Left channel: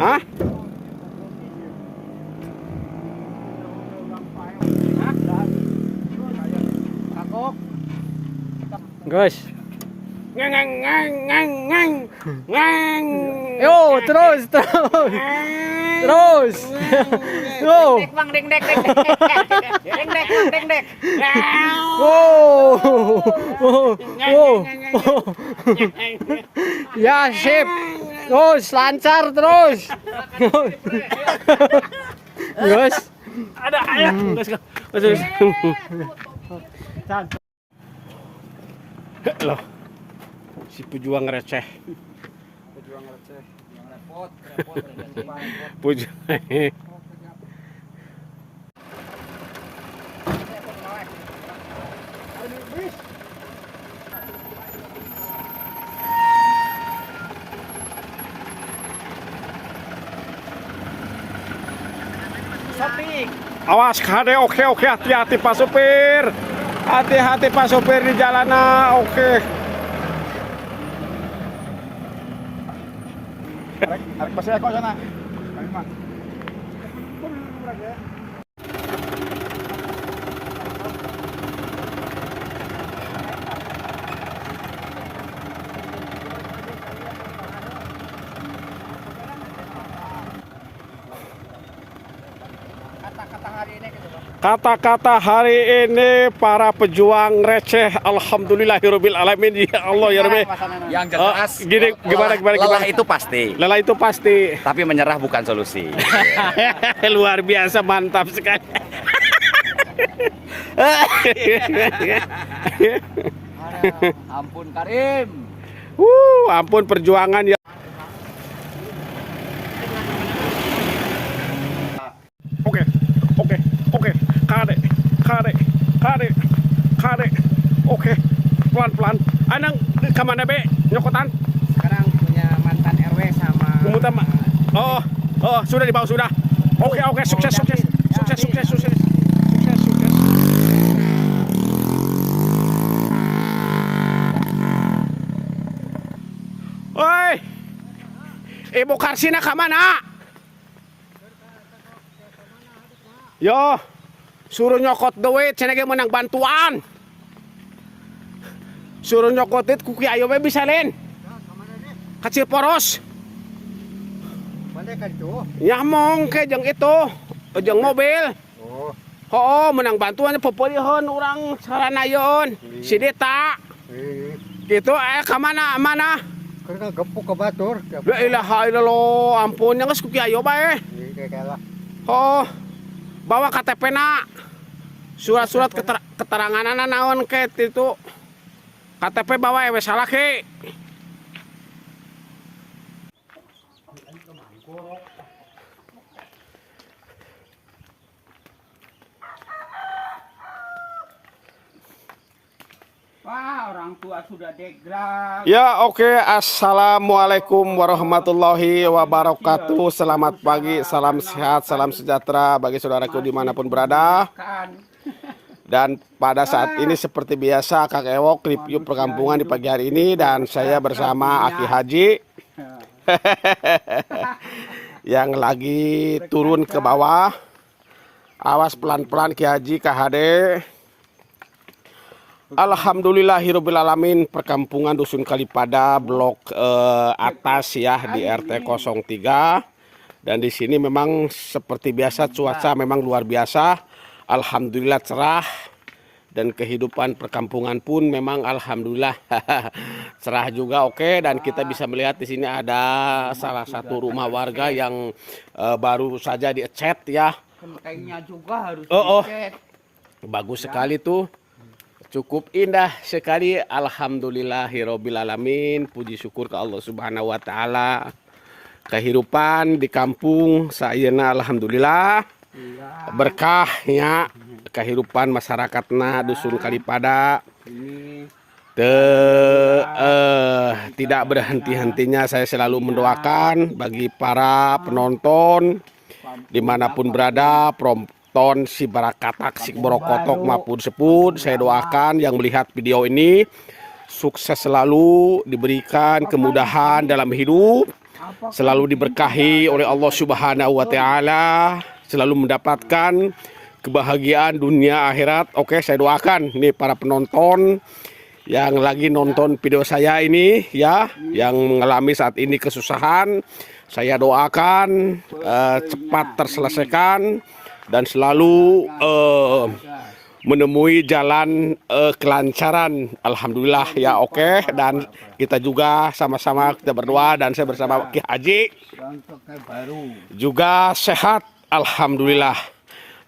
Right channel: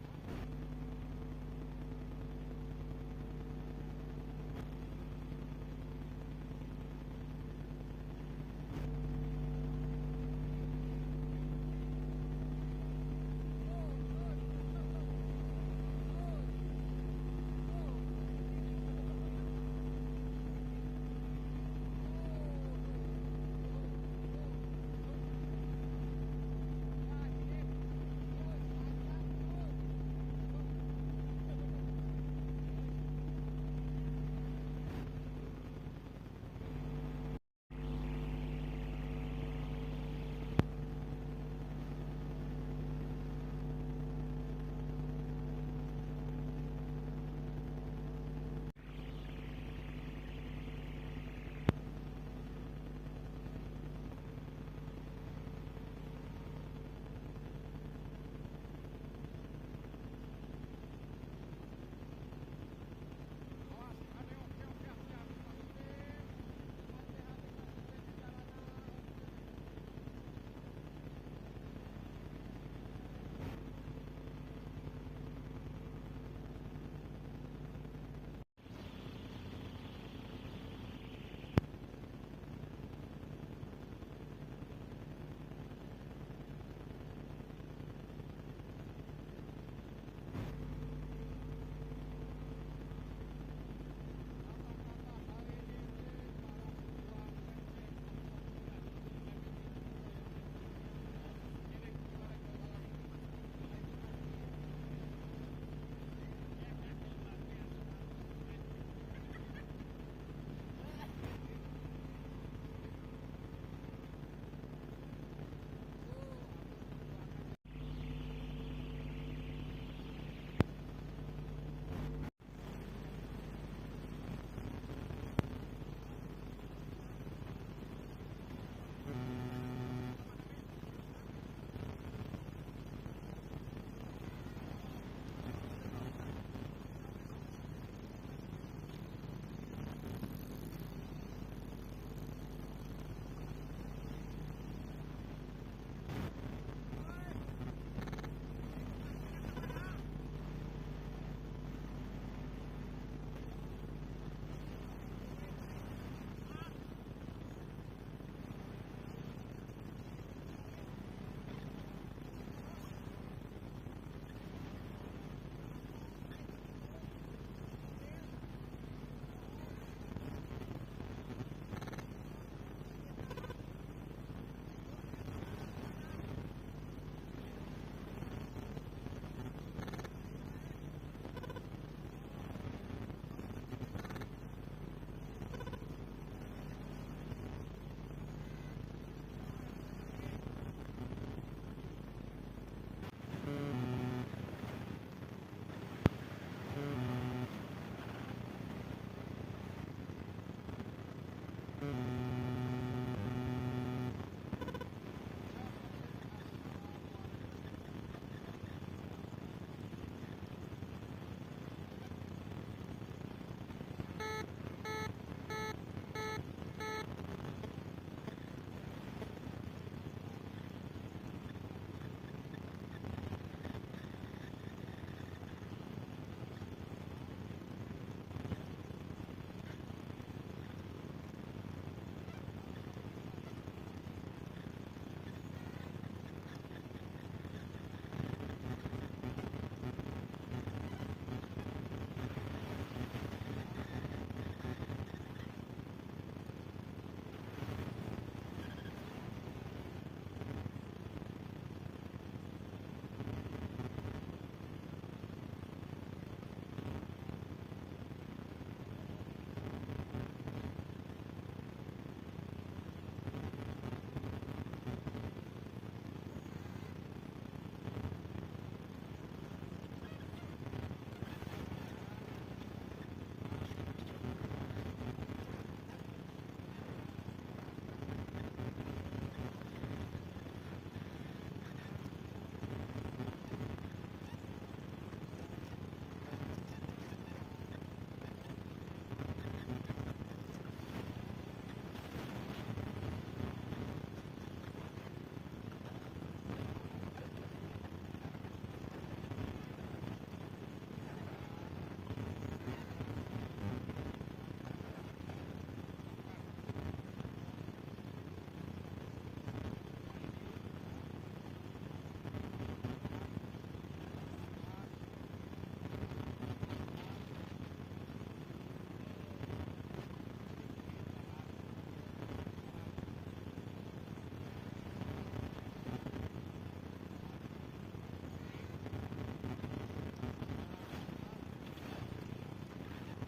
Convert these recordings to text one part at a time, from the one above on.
Hah? Guys. Ngang ngang ngang ngang ngang ngang. Yo, terus. Terus. Yo. Bang deng dek deng dek. Ya, sip. Terus lancar terus. Guys. Ada ayah. Terus. Loh. Si pejuang receh. Pejuang. Awas kade, oke, hati-hati Pak Supir. Hati-hati Pak Supir di jalanan, oke. Arek pasir kok sana. Kami mah. Kata-kata hari ini para pejuang receh, alhamdulillahirabbil alamin, ya Allah ya Rabbi. Yang jelas, gimana? lelah itu pasti, Lelah itu pasti. tapi menyerah bukan solusi. Luar biasa, mantap sekali. Ampun Karim. Ampun perjuangan ya. Oke. Kade. Oke. Pelan-pelan. Anang kemana be? Nyokotan? Sekarang punya mantan RW sama Utama. Oh, sudah dibawa sudah. Oke, sukses. Oi. Ibu Karsina kemana? Yo, suruh nyokot duit, cenah menang bantuan. Suruh nyokot duit ku Kiai we bisa len. Kecil poros. Mana kan itu? Nyamong ke jeung itu, jeung mobil. Oh, menang bantuan pepolihon urang saranayeun. Si Dita. Gitu ka mana? Karena gempuk ke batur. La ilaha illallah, ampun geus ku Kiai bae. Oh. Bawa KTP na, surat-surat keterangan naon ke itu, KTP bawa salah ke. wah, orang tua sudah degrad. Ya oke. Assalamualaikum warahmatullahi wabarakatuh. Selamat pagi, salam sehat, salam sejahtera bagi saudaraku dimanapun berada. Dan pada saat ini seperti biasa Kang Ewok review perkampungan di pagi hari ini. Dan saya bersama Aki Haji yang lagi turun ke bawah. Awas pelan-pelan Ki Haji, KHD. Alhamdulillahirabbil alamin, perkampungan Dusun Kalipada blok atas ya di RT 03. Dan di sini memang seperti biasa cuaca memang luar biasa. Alhamdulillah cerah dan kehidupan perkampungan pun memang alhamdulillah cerah juga, oke. Dan kita bisa melihat di sini ada salah satu rumah warga yang baru saja dicat ya. Kayaknya juga harus dicet. Bagus sekali tuh. Cukup indah sekali, alhamdulillahirabbil alamin. Puji syukur ke Allah Subhanahu wa taala. Kehidupan di kampung sayeuna alhamdulillah berkahnya, kehidupan masyarakatna Dusun Kalipada tidak berhenti-hentinya. Saya selalu mendoakan bagi para penonton dimanapun berada, penonton si Barakatak, si Borokotok maupun Seput, saya doakan yang melihat video ini sukses selalu, diberikan kemudahan dalam hidup, selalu diberkahi oleh Allah Subhanahu wa taala, selalu mendapatkan kebahagiaan dunia akhirat. Oke, saya doakan nih para penonton yang lagi nonton video saya ini ya, yang mengalami saat ini kesusahan, saya doakan cepat terselesaikan dan selalu menemui jalan kelancaran. Alhamdulillah ya. Oke, dan kita juga sama-sama kita berdoa dan saya bersama Ki Haji juga sehat, alhamdulillah.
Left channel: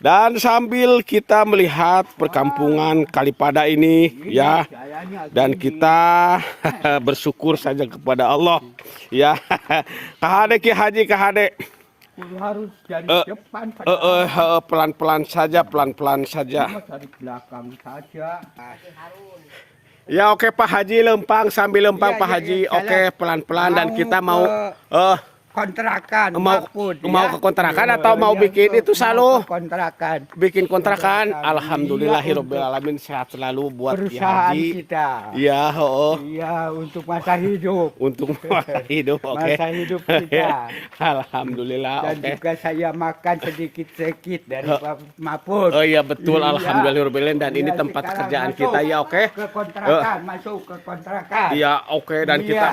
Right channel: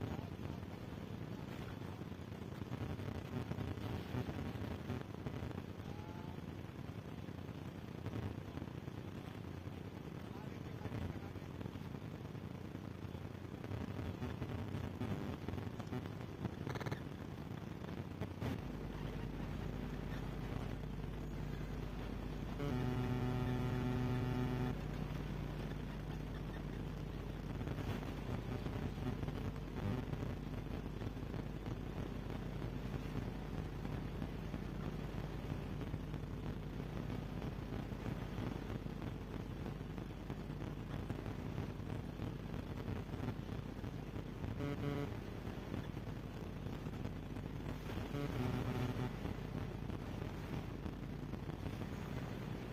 Dan sambil kita melihat perkampungan Kalipada ini ya, dan kita bersyukur saja kepada Allah ya. Kahade Ki Haji, kahade harus dari depan pelan-pelan saja, pelan-pelan saja. dari belakang saja. Ya oke Pak Haji, lempang sambil lempang Pak Haji. Oke, pelan-pelan dan kita mau Kontrakan mau ya. ke kontrakan atau mau bikin itu selalu kontrakan bikin kontrakan. Alhamdulillahirabbil alamin, sehat selalu buat Ki perusahaan Haji. kita. Iya, Iya, untuk masa hidup. untuk masa hidup. Oke. Masa hidup kita. Alhamdulillah. Dan Oke. juga saya makan sedikit-sedikit dari Pak Mahfud. Oh iya betul, Iya. alhamdulillahirabbil alamin, dan ini Iya, tempat sekarang kerjaan masuk kita ya. Oke. Ke kontrakan, masuk ke kontrakan. Iya, oke, dan Iya. kita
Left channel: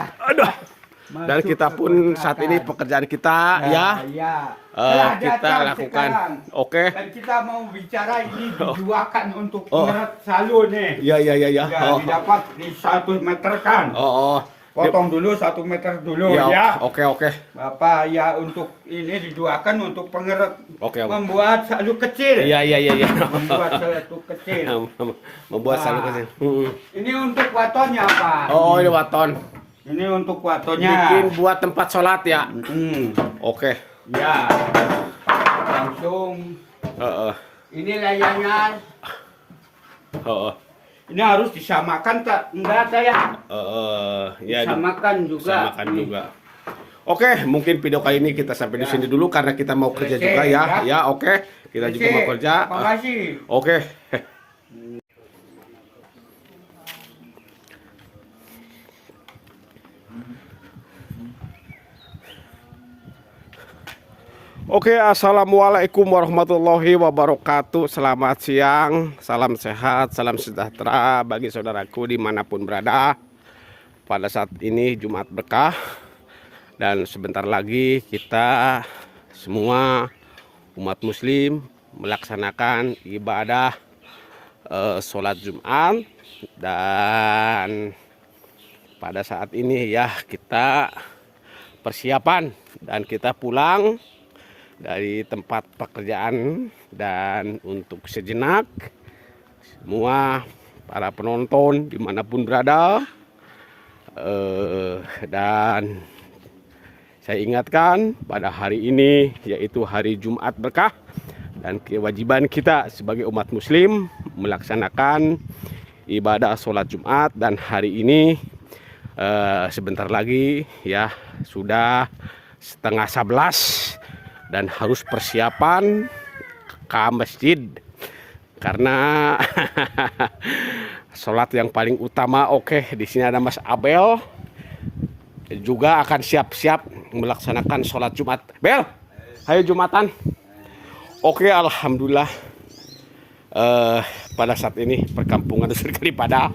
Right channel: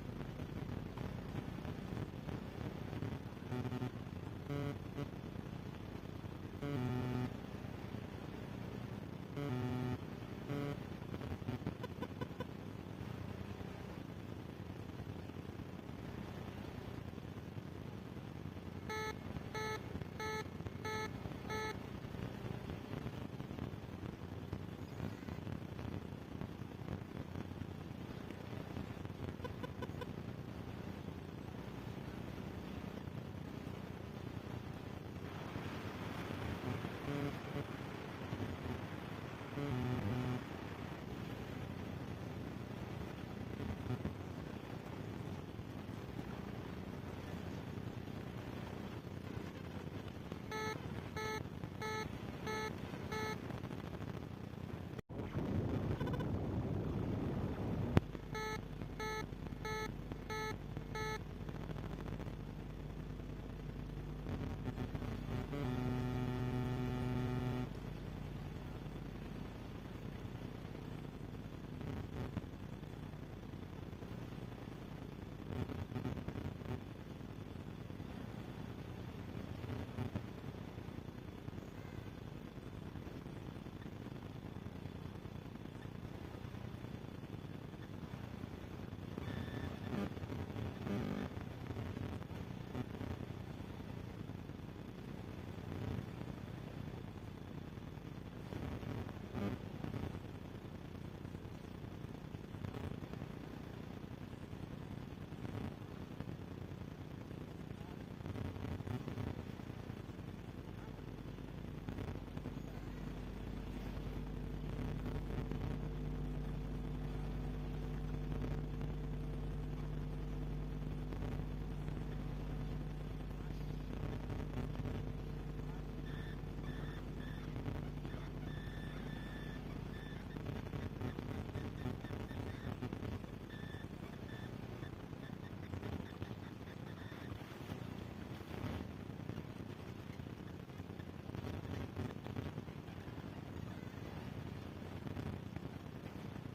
dan Masuk kita ke pun saat kontrakan. ini pekerjaan kita ya, Iya. kita Datang lakukan. sekarang. Oke. Dan kita mau bicara ini dijualkan untuk Oh. menurut salon nih. Ya ya ya ya. Ya, Oh. didapat di 1 meter kan. Oh. Potong dulu 1 meter dulu Ya, ya. oke oke. Bapak ya, untuk ini dijualkan untuk pengeret, Oke. membuat salon kecil. Iya iya iya iya. Membuat salon kecil. Membuat salur kecil. Ini untuk watonnya, Pak. Oh, ini waton. Ini untuk watonnya. Bikin buat tempat sholat ya. Oke. Ya. Langsung ini layarnya. Ini harus disamakan tak? Enggak saya. Ya, Disamakan juga. disamakan juga. Oke, mungkin video kali ini kita sampai di sini dulu karena kita mau kerja juga ya. Ya, oke. Kita juga mau kerja. Terima kasih. Oke. Oke, assalamualaikum warahmatullahi wabarakatuh. Selamat siang, salam sehat, salam sejahtera bagi saudaraku dimanapun berada. Pada saat ini Jumat Berkah, dan sebentar lagi kita semua umat Muslim melaksanakan ibadah sholat Jumat. Dan pada saat ini ya kita persiapan dan kita pulang dari tempat pekerjaan, dan untuk sejenak semua para penonton dimanapun berada, dan saya ingatkan pada hari ini yaitu hari Jumat Berkah, dan kewajiban kita sebagai umat Muslim melaksanakan ibadah sholat Jumat. Dan hari ini sebentar lagi ya sudah 10:30 dan harus persiapan ke masjid karena sholat yang paling utama. Oke, di sini ada Mas Abel juga akan siap-siap melaksanakan sholat Jumat. Bel, ayo Jumatan. Oke, alhamdulillah. Pada saat ini perkampungan Dusun Kalipada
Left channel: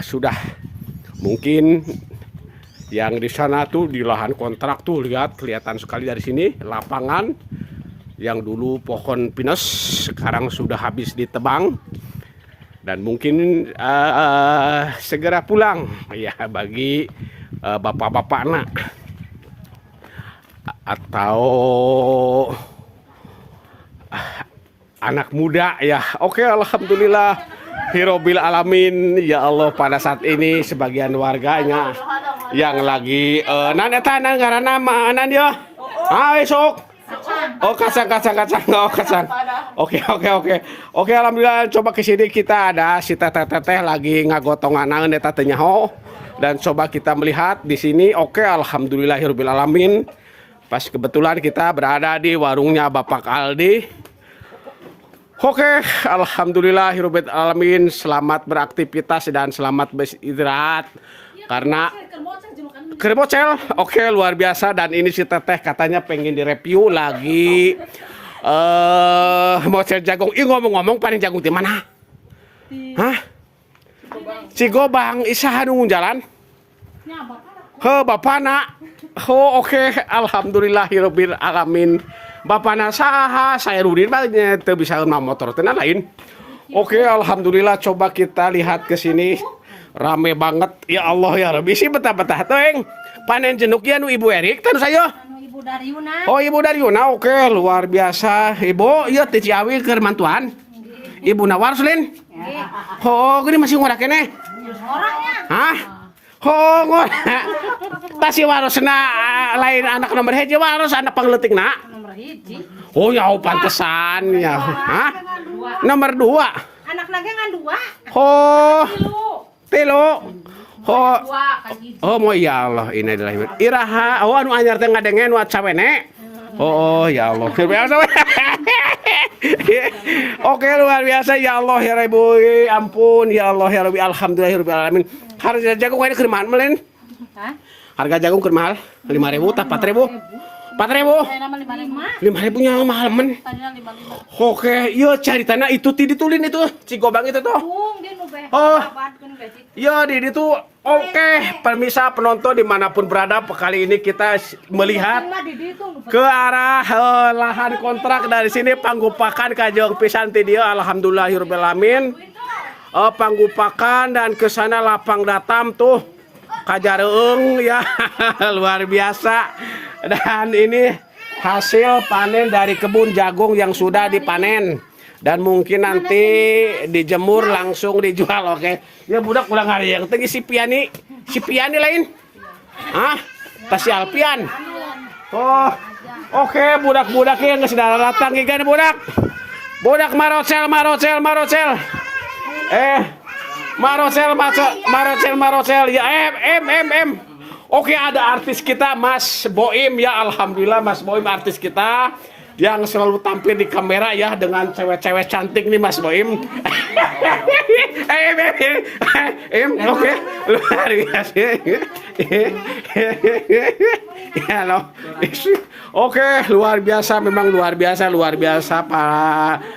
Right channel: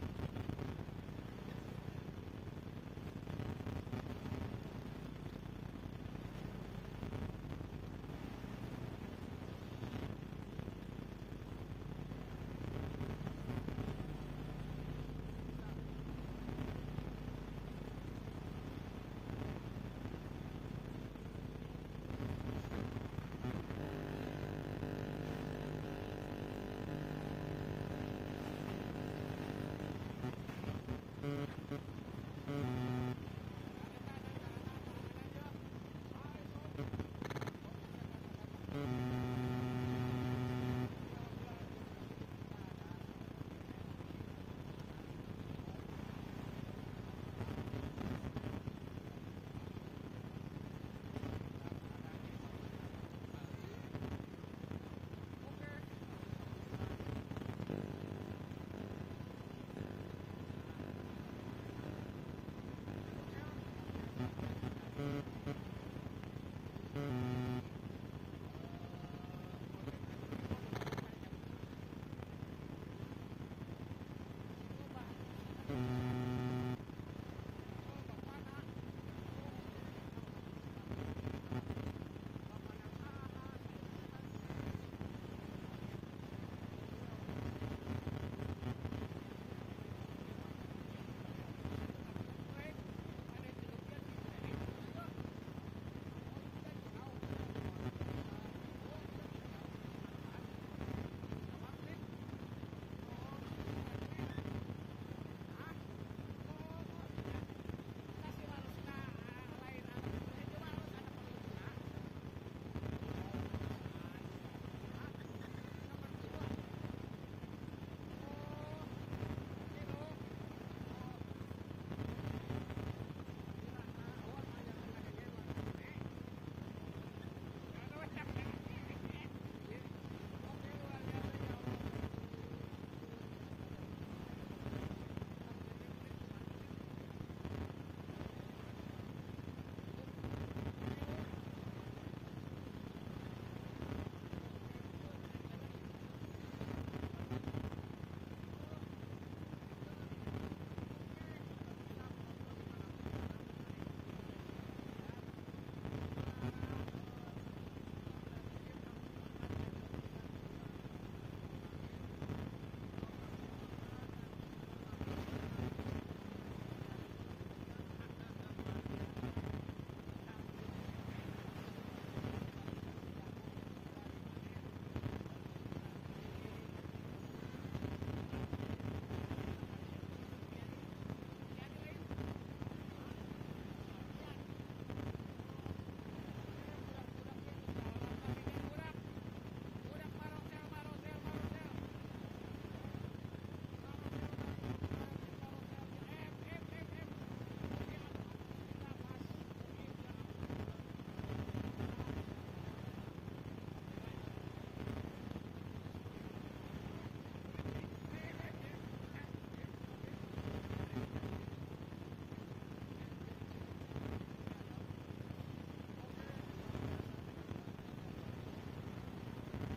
sudah mungkin yang di sana tuh di lahan kontrak tuh, lihat kelihatan sekali dari sini lapangan yang dulu pohon pinus sekarang sudah habis ditebang, dan mungkin segera pulang ya bagi bapak-bapak anak atau anak muda ya. Oke, alhamdulillah Hirobil alamin ya Allah. Pada saat ini sebagian warganya yang lagi naneta nanggara nama anan dia. Esok. Oh, kacang. Oh, kacang. Oke. Oke, alhamdulillah. Coba ke sini kita ada si teteh lagi ngagotong anak eta teh nyaho. Dan coba kita melihat di sini. Oke, alhamdulillahirabbil alamin. Pas kebetulan kita berada di warungnya Bapak Aldi. Oke, alhamdulillahirabbil alamin. Selamat beraktivitas dan selamat beristirahat. Karena kerbocel, oke, luar biasa. Dan ini si Teteh katanya pengen direview lagi mocel jagung. Ih, ngomong-ngomong panen jagung di mana? Hah? Cigobang, isaha nunggu jalan? He, bapana. Oh, oke, alhamdulillahirabbil alamin. Bapana saha, saya Rudin banyak teu bisa nama motor tenan lain. Oke, alhamdulillah, coba kita lihat ke sini. Rame banget, ya Allah ya Rabbi, sih betah-betah teng. Panen jenuk ya nu Ibu Erik tanu saya. Ibu Daryuna. Oh, Ibu Daryuna, oke, luar biasa. Ibu, iya teh Ciawi keur mantuan. Ibu Nawar Sulin. Oh, gini masih ngora kene. Orangnya. Hah? Oh, ngora. Tasi warosna lain anak nomor hiji waros anak pangleutikna. Nomor hiji. Oh, ya pantesan ya. Hah? Nomor 2. Anak lagi ngan 2. Oh, Tilu. telo. Oh, 2 kan gitu. oh mau ya Allah, ini adalah Iraha. Oh, anu anyar teh ngadengen wa cawene. Oh, ya Allah. Oke, luar biasa ya Allah ya Rabbi. Ampun ya Allah ya Rabbi. Alhamdulillahirabbil alamin. Harga jagung ini keur mahal melen? Hah? Harga jagung keur mahal? 5.000 tah 4.000? 4.000? Saya nama 55. 5.000 nya mahal men. Tadinya 55. Oke, iya caritana itu ti ditulin itu Cigobang itu tuh. Bung dia nu beh. Oh. Apaan beh. Ya di itu oke, permisa penonton dimanapun berada, kali ini kita melihat ke arah lahan kontrak dari sini panggupakan kajong pisan ti dieu alhamdulillahirabbil alamin. Panggupakan dan ke sana lapang datam tuh kajareung ya luar biasa. Dan ini hasil panen dari kebun jagung yang sudah dipanen. Dan mungkin nanti dijemur langsung dijual, oke. Ya budak pulang hari yang tinggi si Piani lain. Hah? Tas si Alpian. Oh, oke, budak-budak yang nggak sudah datang ikan budak. Budak marocel. Marocel. Ya M. Oke, ada artis kita Mas Boim ya, alhamdulillah Mas Boim artis kita yang selalu tampil di kamera ya dengan cewek-cewek cantik nih Mas Boim. Oke, luar biasa. Ya loh. Oke, luar biasa, memang luar biasa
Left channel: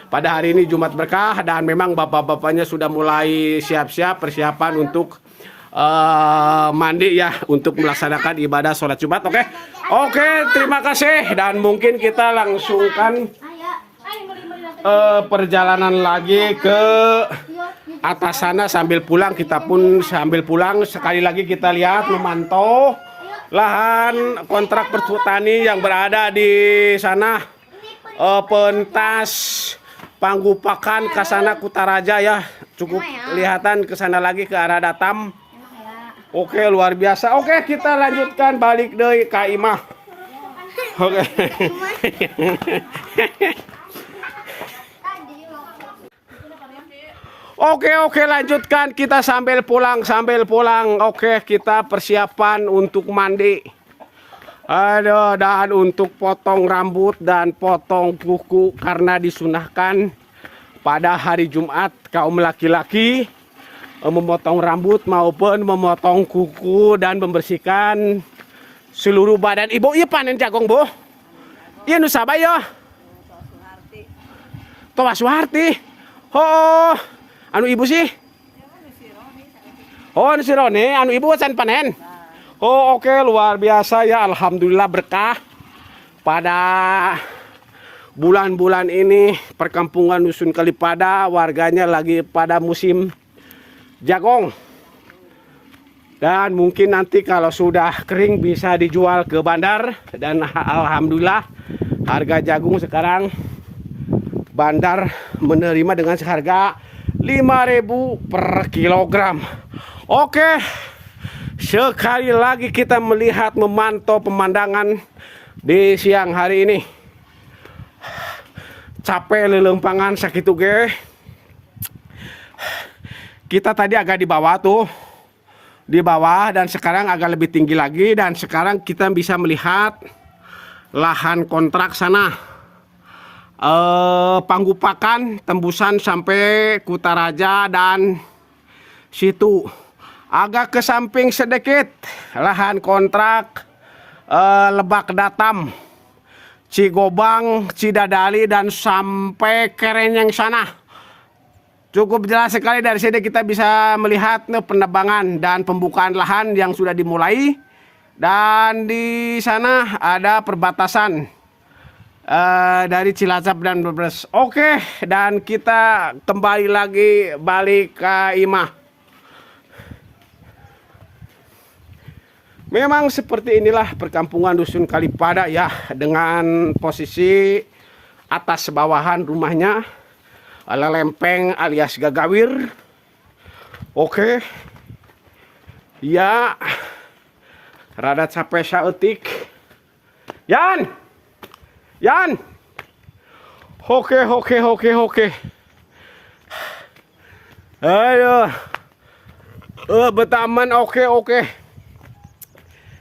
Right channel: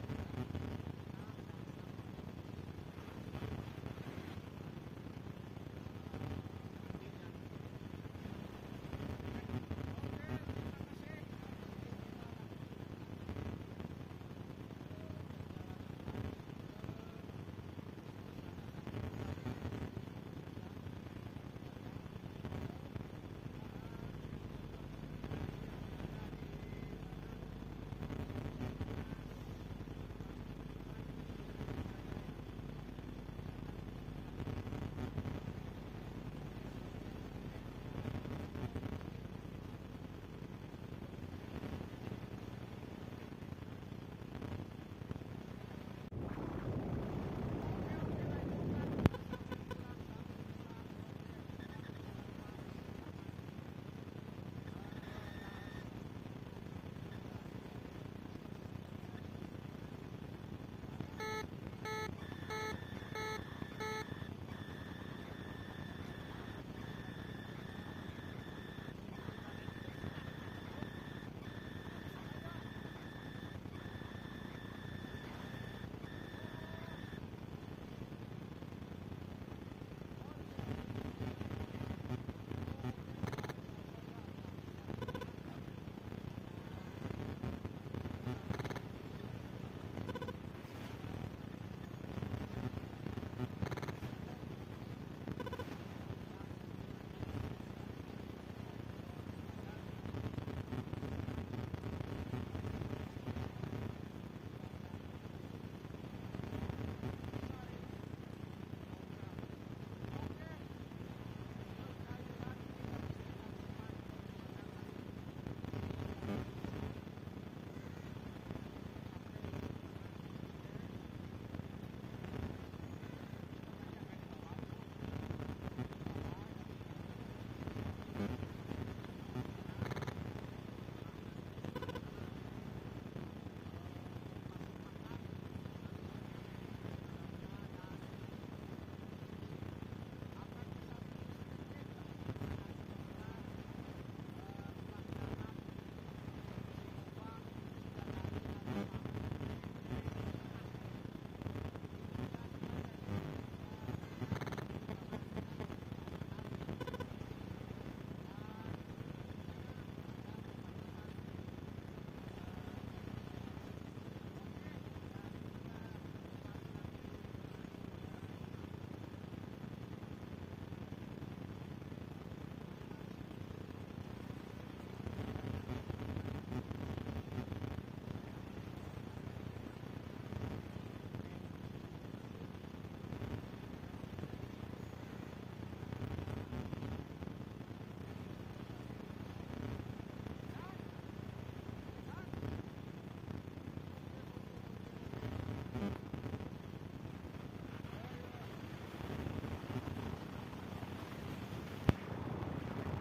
pada hari ini Jumat berkah dan memang bapak-bapaknya sudah mulai siap-siap persiapan untuk mandi ya untuk melaksanakan ibadah sholat Jumat. Oke, terima kasih dan mungkin kita langsungkan perjalanan lagi ke atas sana sambil pulang. Kita pun sambil pulang sekali lagi kita lihat memantau lahan kontrak pertani yang berada di sana, pentas panggupakan ke sana Kutaraja ya, cukup kelihatan ke sana lagi ke arah Datam. Oke, luar biasa. Oke, kita lanjutkan balik dari Kak Imah. Oke. Oke, lanjutkan kita sambil pulang. Oke, kita persiapan untuk mandi. Aduh, dan untuk potong rambut dan potong kuku karena disunahkan pada hari Jumat kaum laki-laki memotong rambut maupun memotong kuku dan membersihkan seluruh badan. Ibu, iya panen jagung, Bu? Iya nusaba ya? Towa Suharti. Oh, anu ibu sih? Oh, anu si Roni, anu ibu can panen. Oh, oke, luar biasa ya, alhamdulillah berkah. Pada bulan-bulan ini perkampungan Dusun Kalipada warganya lagi pada musim jagung. Dan mungkin nanti kalau sudah kering bisa dijual ke bandar. Dan alhamdulillah harga jagung sekarang bandar menerima dengan seharga 5.000 per kilogram. Oke, sekali lagi kita melihat memantau pemandangan di siang hari ini. Capek lelempangan sakitu ge. Kita tadi agak di bawah tuh di bawah dan sekarang agak lebih tinggi lagi, dan sekarang kita bisa melihat lahan kontrak sana, Panggupakan tembusan sampai Kutaraja dan situ. Agak ke samping sedikit lahan kontrak Lebak Datam, Cigobang, Cidadali dan sampai Kerenyeng sana. Cukup jelas sekali dari sini kita bisa melihat penebangan dan pembukaan lahan yang sudah dimulai, dan di sana ada perbatasan dari Cilacap dan Brebes. Oke, dan kita kembali lagi balik ke Imah. Memang seperti inilah perkampungan Dusun Kalipada ya, dengan posisi atas bawahan rumahnya lempeng alias gagawir. Oke. Ya. Rada capek saeutik. Yan. Yan. Oke. Ayo. Betaman oke.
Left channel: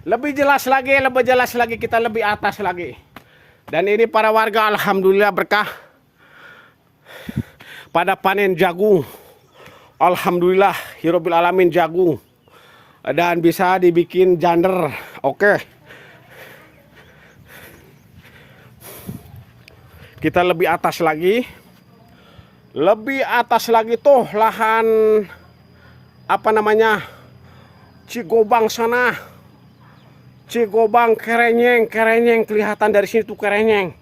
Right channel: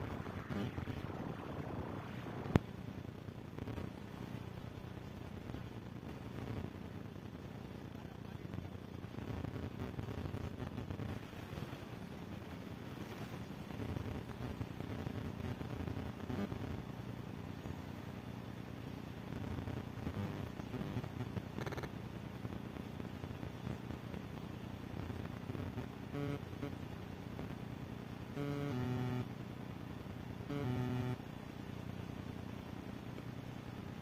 Lebih jelas lagi, kita lebih atas lagi. Dan ini para warga alhamdulillah berkah pada panen jagung. Alhamdulillah hirobil alamin jagung. Dan bisa dibikin jander. Oke. Kita lebih atas lagi. Lebih atas lagi tuh lahan apa namanya? Cigobang sana. Cigobang, Kerenyeng kelihatan dari sini tuh Kerenyeng.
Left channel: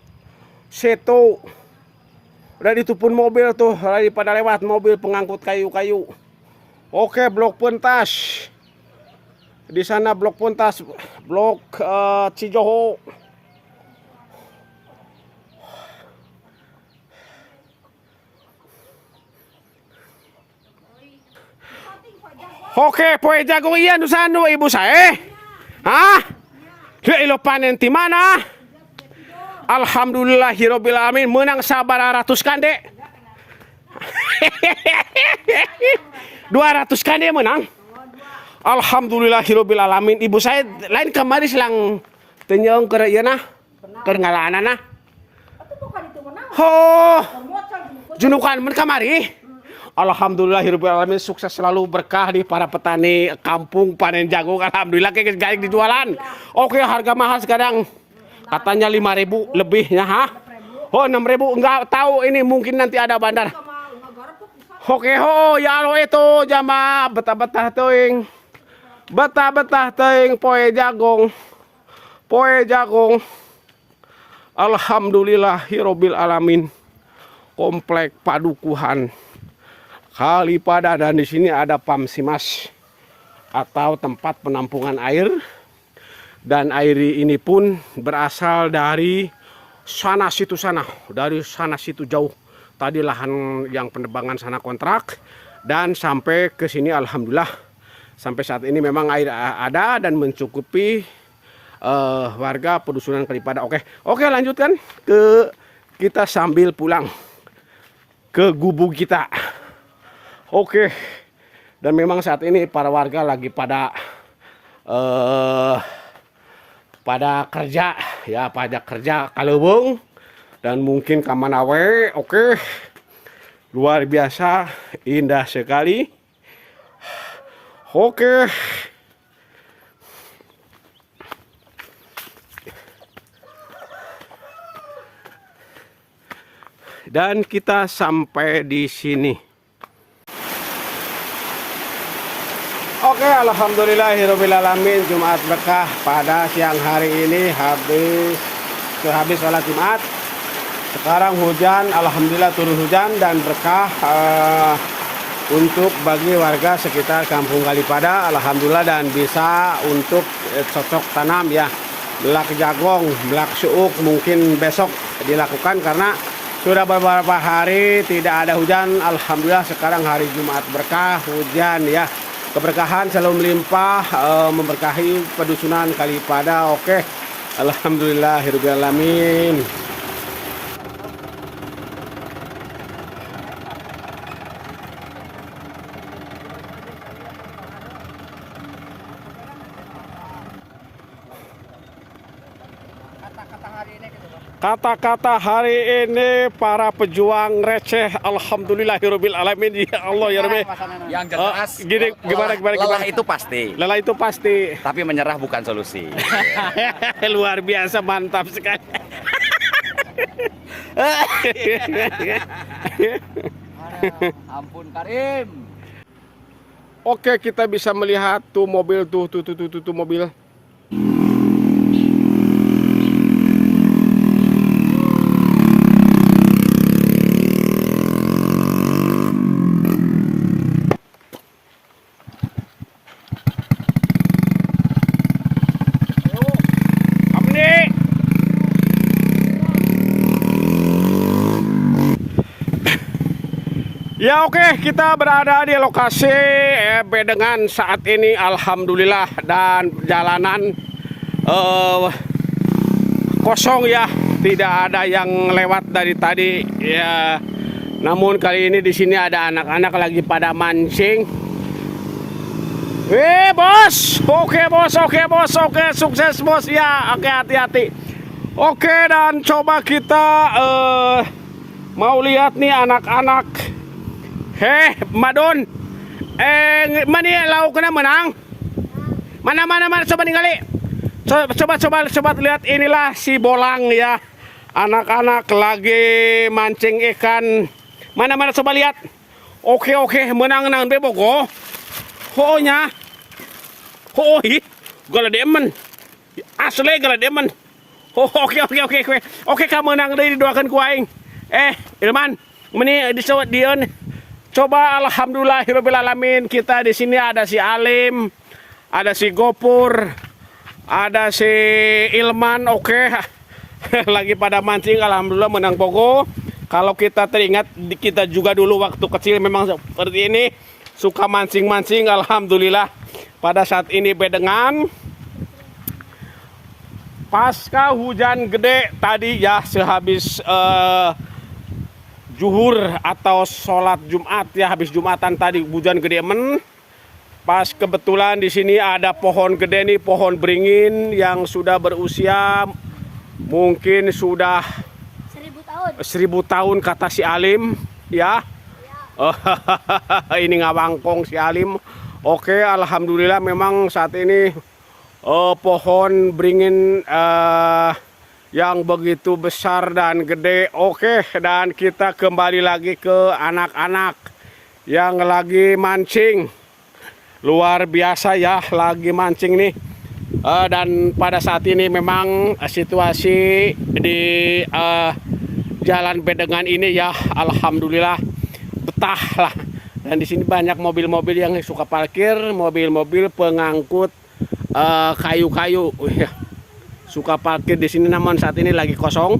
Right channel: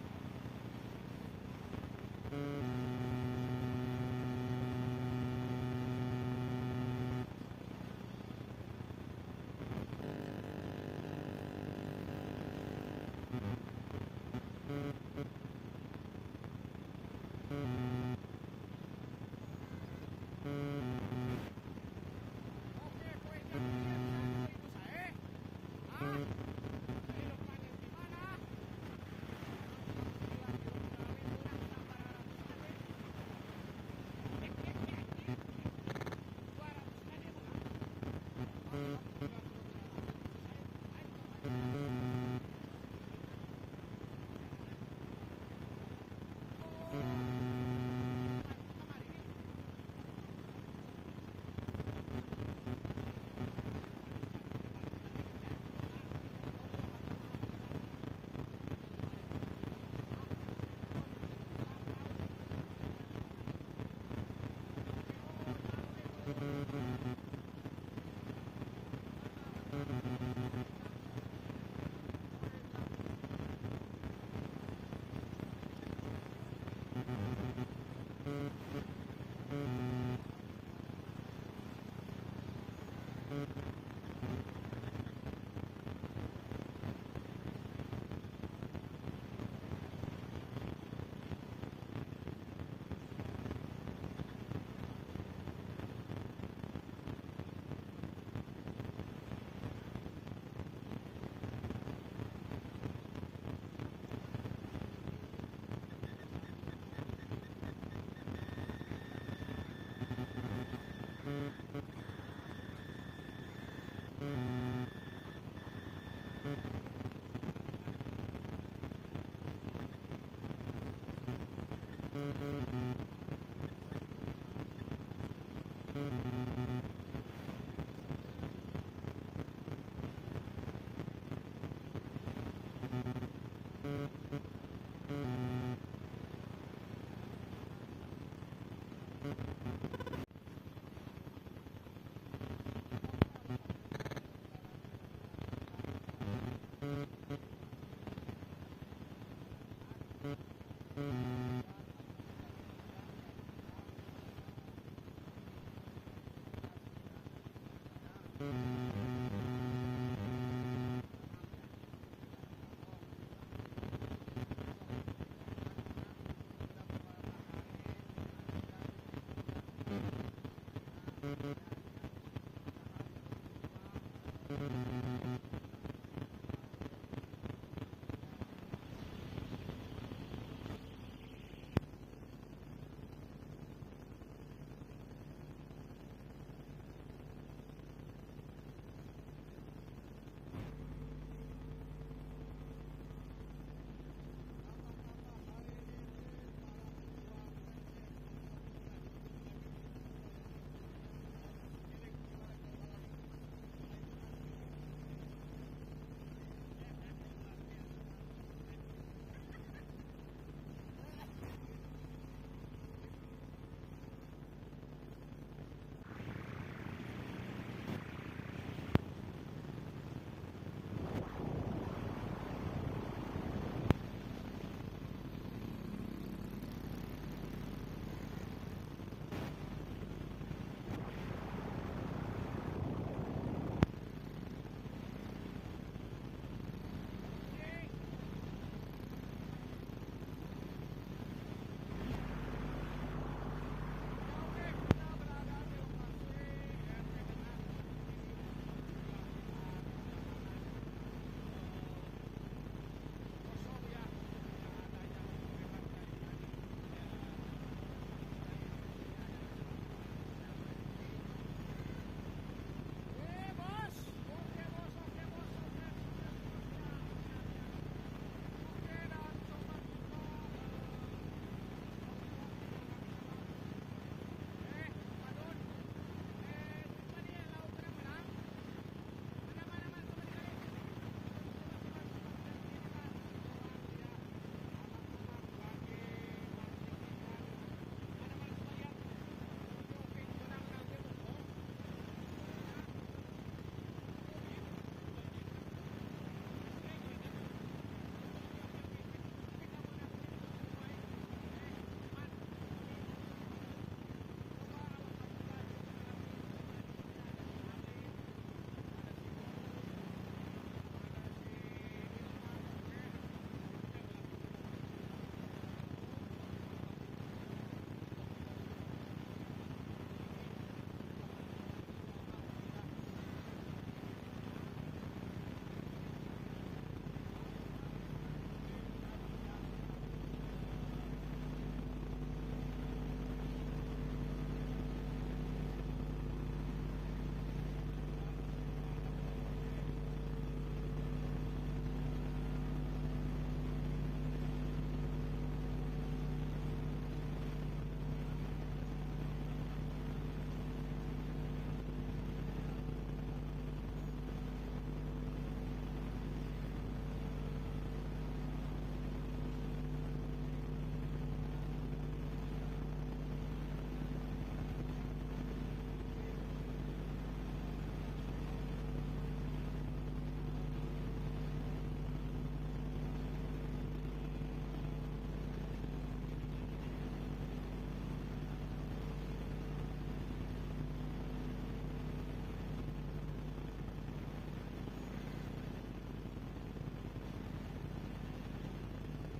Seto. Udah ditupun mobil tuh, lagi pada lewat mobil pengangkut kayu-kayu. Oke, blok pentas. Di sana blok pentas, blok Cijoho. Oke, poe jago iya nusano ibu saya. Hah? Ilo panen di mana? Alhamdulillahirabbil alamin menang sabar 200 kande. 200 kande menang. Alhamdulillahirabbil alamin. Ibu saya lain kemarin selang tenyong ke ieu nah. Keur ngalaanana. Oh. Junukan men kamari. Alhamdulillahirabbil alamin, sukses selalu, berkah di para petani kampung panen jagung. Alhamdulillah kayak gaik dijualan. Oke, harga mahal sekarang. Katanya 5.000 lebihnya, ha? Oh, 6.000 enggak tahu, ini mungkin nanti ada bandar. Oke, ya lo itu jamaah betah-betah teuing. Betah-betah teuing poe jagung. Poe jagung. Alhamdulillahirabbil alamin. Komplek Padukuhan Kalipada, dan di sini ada Pamsimas atau tempat penampungan air, dan air ini pun berasal dari sana situ jauh tadi lahan yang penebangan sana kontrak, dan sampai ke sini alhamdulillah sampai saat ini memang air ada dan mencukupi warga pedusunan Kalipada. Oke, lanjutkan ke kita sambil pulang ke gubuk kita. Oke, dan memang saat ini para warga lagi pada kerja ya, pada kerja kaleuweung dan mungkin kamanawe. Oke, luar biasa indah sekali. Oke, dan kita sampai di sini. Oke, alhamdulillahirabbil alamin, Jumat berkah pada siang hari ini habis sholat Jumat. Sekarang hujan, alhamdulillah turun hujan dan berkah untuk bagi warga sekitar Kampung Kalipada, alhamdulillah, dan bisa untuk cocok tanam ya. Belak jagong, belak suuk mungkin besok dilakukan karena sudah beberapa hari tidak ada hujan. Alhamdulillah sekarang hari Jumat berkah, hujan ya. Keberkahan selalu melimpah, memberkahi pedusunan Kalipada. Oke, alhamdulillahirabbil alamin. Kata-kata hari ini para pejuang receh, alhamdulillahirabbil alamin, ya Allah ya Rabbi. Yang jelas Gini, gimana? lelah itu pasti. Lelah itu pasti. Tapi menyerah bukan solusi. Luar biasa, mantap sekali. Ampun Karim. Oke, kita bisa melihat tuh mobil tuh mobil. Apa nih? Ya oke, kita berada di lokasi Bedengan saat ini, alhamdulillah, dan jalanan kosong ya, tidak ada yang lewat dari tadi ya. Namun kali ini di sini ada anak-anak lagi pada mancing. Bos, oke, sukses bos ya, oke, hati-hati. Oke, dan coba kita mau lihat nih anak-anak. Madon, mana lauk kena menang? Mana coba ningali. Coba lihat, inilah si Bolang ya. Anak-anak lagi mancing ikan. Mana coba lihat. Oke, menang bebogo. Nya. Gala demen. Asli gala demen. Oke, kamu menang dari doakan ku aing. Ilman, meni disawat dieun. Coba alhamdulillahirabbil alamin, kita di sini ada si Alim, ada si Gopur, ada si Ilman, oke. Lagi pada mancing, alhamdulillah menang pogo. Kalau kita teringat, kita juga dulu waktu kecil memang seperti ini, suka mancing-mancing, alhamdulillah. Pada saat ini Bedengan, pasca hujan gede tadi ya, sehabis Zuhur atau sholat Jumat ya, habis Jumatan tadi hujan gede pas kebetulan di sini ada pohon gede nih, pohon beringin yang sudah berusia mungkin sudah 1000 tahun kata si Alim ya. Ini ngawangkong si Alim. Oke, alhamdulillah memang saat ini pohon beringin yang begitu besar dan gede. Oke, dan kita kembali lagi ke anak-anak yang lagi mancing. Luar biasa ya, lagi mancing nih. Dan pada saat ini memang situasi di Jalan Bedengan ini ya, alhamdulillah betah lah. Dan di sini banyak mobil-mobil yang suka parkir, mobil-mobil pengangkut kayu-kayu. Suka parkir di sini, namun saat ini lagi kosong.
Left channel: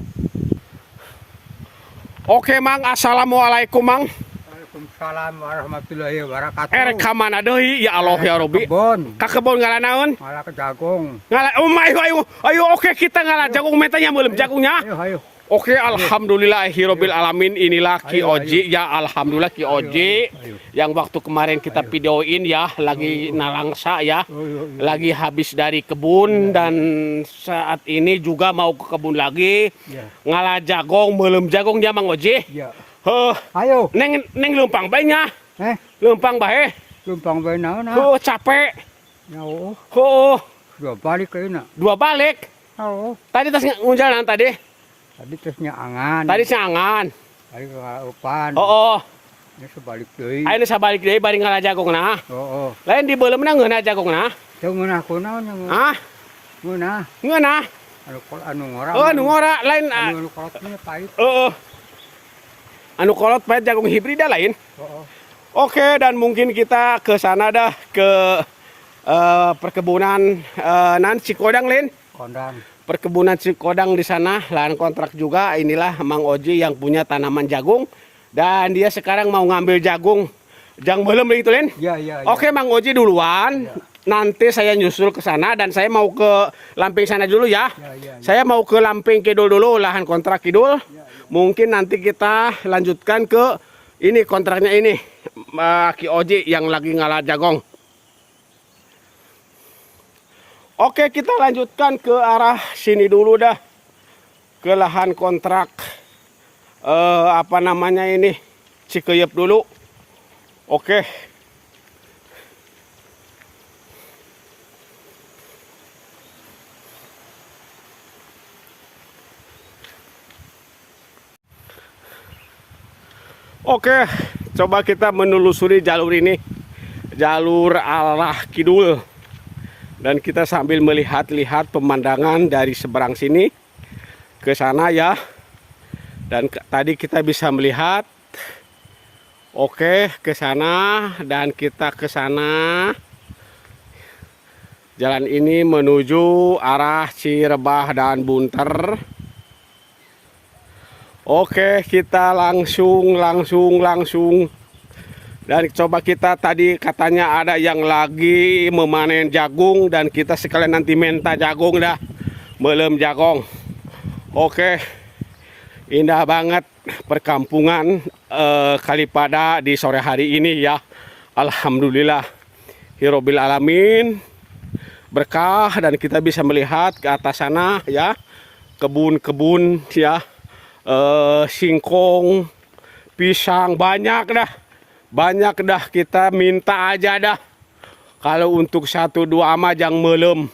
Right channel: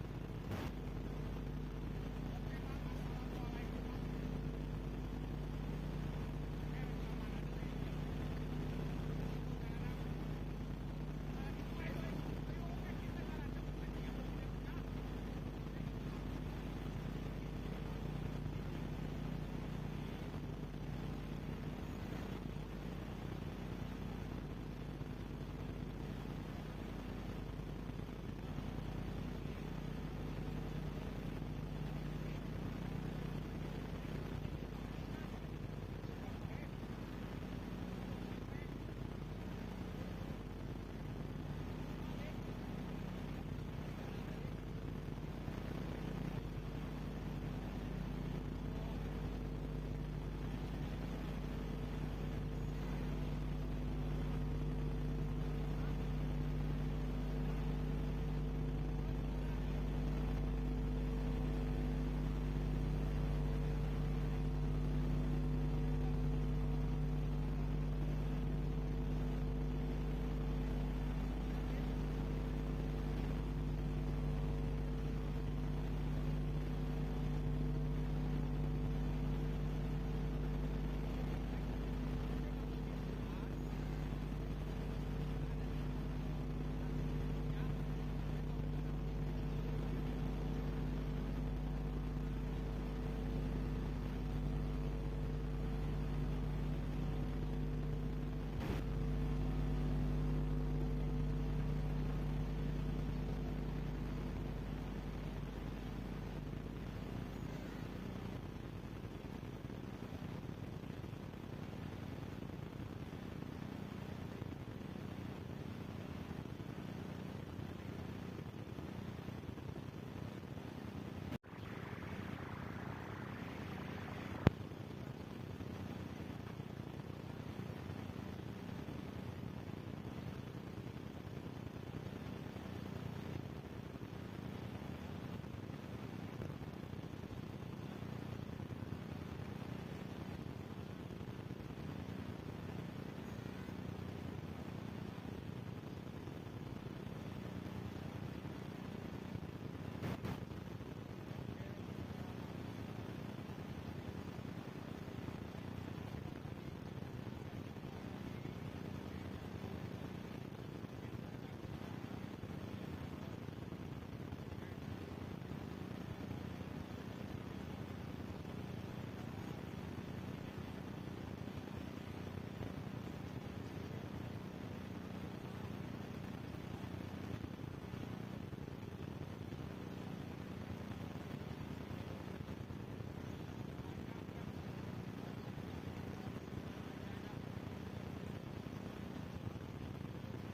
Oke, Mang, assalamualaikum, Mang. Waalaikumsalam warahmatullahi wabarakatuh. Ka mana deui ya Allah ya Robi? Ka kebon ngalanaeun? Malah ke jagung. Ayo, oke, kita ngalah jagung, metanya belum jagungnya. Ayo. Oke, alhamdulillahirabbil alamin, inilah Ki Oji ya, alhamdulillah Ki Oji yang waktu kemarin kita videoin ya, lagi nalangsa ya, lagi habis dari kebun dan saat ini juga mau ke kebun lagi, ngalah jagong, belum jagung dia Mang Oji. Ayo. Neng lempang bae nya. Lempang bae. Lumpang bae naon? Capek. Yo. Dua balik ke ina. Dua balik. Tadi tas ngunjalan tadi. Tadi tesnya angan. Tadi angan. Balik ke Kalapan. Ini sebalik deui. Ayo sabalik deui bari ngalah jagongna. Lain di beuleumna ngeunah jagongna. Teu ngeunah kunaon yang. Ngeunah. Anu ngora. Anu ngora lain. Anu kolotnya pahit. Anu kolot pahit jagung hibrida lain. Oke, dan mungkin kita ke sana dah ke perkebunan Cikodang lain. Kondang. Perkebunan Cikodang di sana, lahan kontrak juga. Inilah Mang Oji yang punya tanaman jagung dan dia sekarang mau ngambil jagung. Jang belum itu, Len? Iya. Oke, Mang Oji duluan. Nanti saya nyusul ke sana dan saya mau ke Lamping sana dulu ya. Saya mau ke Lamping Kidul dulu, lahan kontrak Kidul. Mungkin nanti kita lanjutkan ke ini kontraknya ini, Ki Oji yang lagi ngalah jagong. Oke, kita lanjutkan ke arah sini dulu dah. ke lahan kontrak apa namanya ini, Cikeyep dulu. Oke. Oke, coba kita menelusuri jalur ini, jalur arah kidul, dan kita sambil melihat-lihat pemandangan dari seberang sini ke sana ya. Dan tadi kita bisa melihat, oke, ke sana, dan kita ke sana. Jalan ini menuju arah Cirebah dan Bunter. Oke, kita langsung. Dan coba kita tadi katanya ada yang lagi memanen jagung, dan kita sekalian nanti minta jagung dah, melem jagung. Oke, indah banget perkampungan Kalipada di sore hari ini ya. Alhamdulillah, Hirobil Alamin, berkah, dan kita bisa melihat ke atas sana ya, kebun-kebun ya. Singkong, pisang, banyak dah, kita minta aja dah. Kalau untuk 1-2 ama jang melem.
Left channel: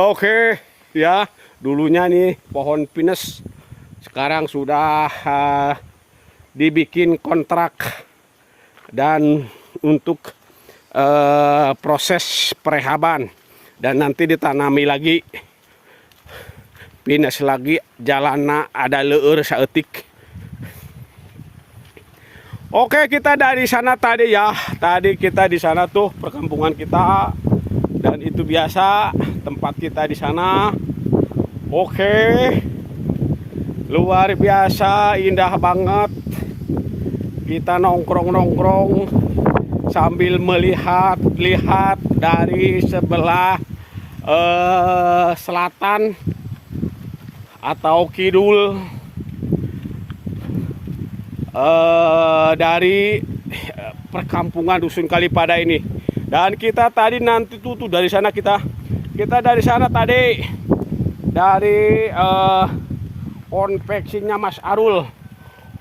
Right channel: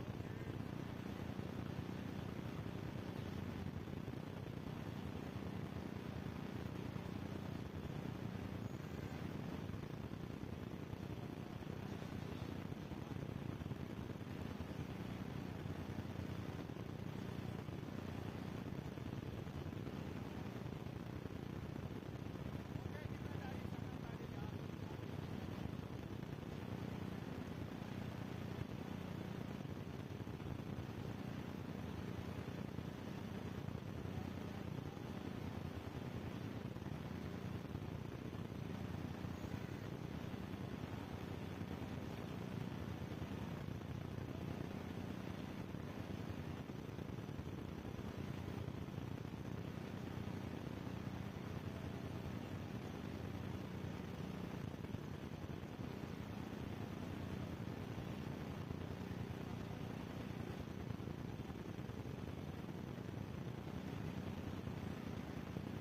Oke ya, dulunya nih pohon pinus, sekarang sudah dibikin kontrak dan untuk proses perehaban, dan nanti ditanami lagi. Pinus lagi, jalanna ada leur saeutik. Oke, kita dari sana tadi ya. Tadi kita di sana tuh perkampungan kita, dan itu biasa tempat kita di sana. Oke, luar biasa, indah banget. Kita nongkrong sambil melihat-lihat dari sebelah selatan atau kidul dari perkampungan Dusun Kalipada ini. Dan kita tadi nanti tuh dari sana kita dari sana tadi dari konveksinya Mas Arul.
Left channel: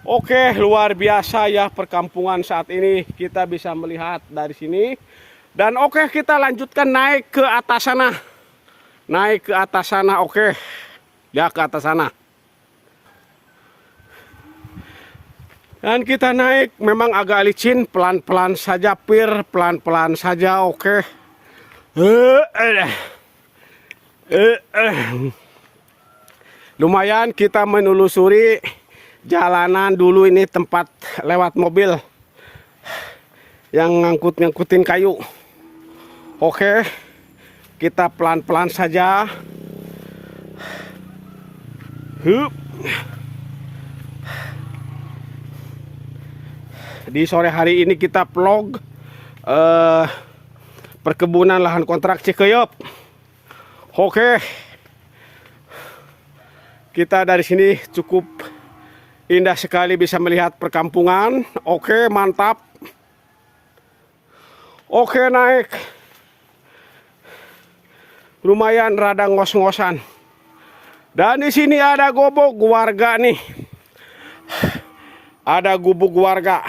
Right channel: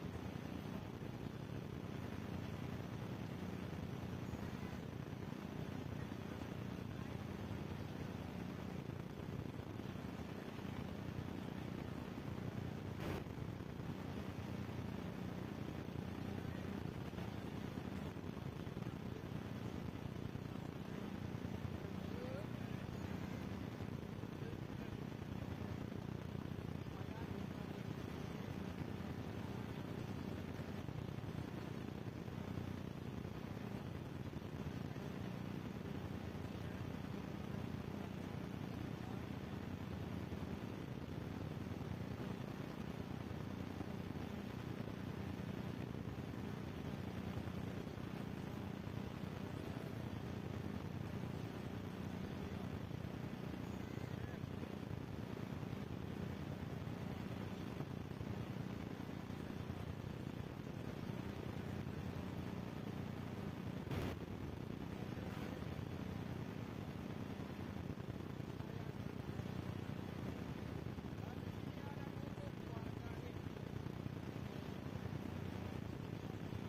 Oke, luar biasa ya perkampungan saat ini, kita bisa melihat dari sini. Dan oke, kita lanjutkan naik ke atas sana. Oke ya, ke atas sana. Dan kita naik, memang agak licin, pelan-pelan saja Pir, pelan-pelan saja. Oke. Lumayan kita menelusuri jalanan dulu, ini tempat lewat mobil yang ngangkutin kayu. Oke, kita pelan-pelan saja. Di sore hari ini kita vlog perkebunan lahan kontrak Cikeyep. Oke, kita dari sini cukup indah sekali, bisa melihat perkampungan. Oke, mantap. Oke, naik. Lumayan rada ngos-ngosan. Dan di sini ada gubuk warga nih. Ada gubuk warga.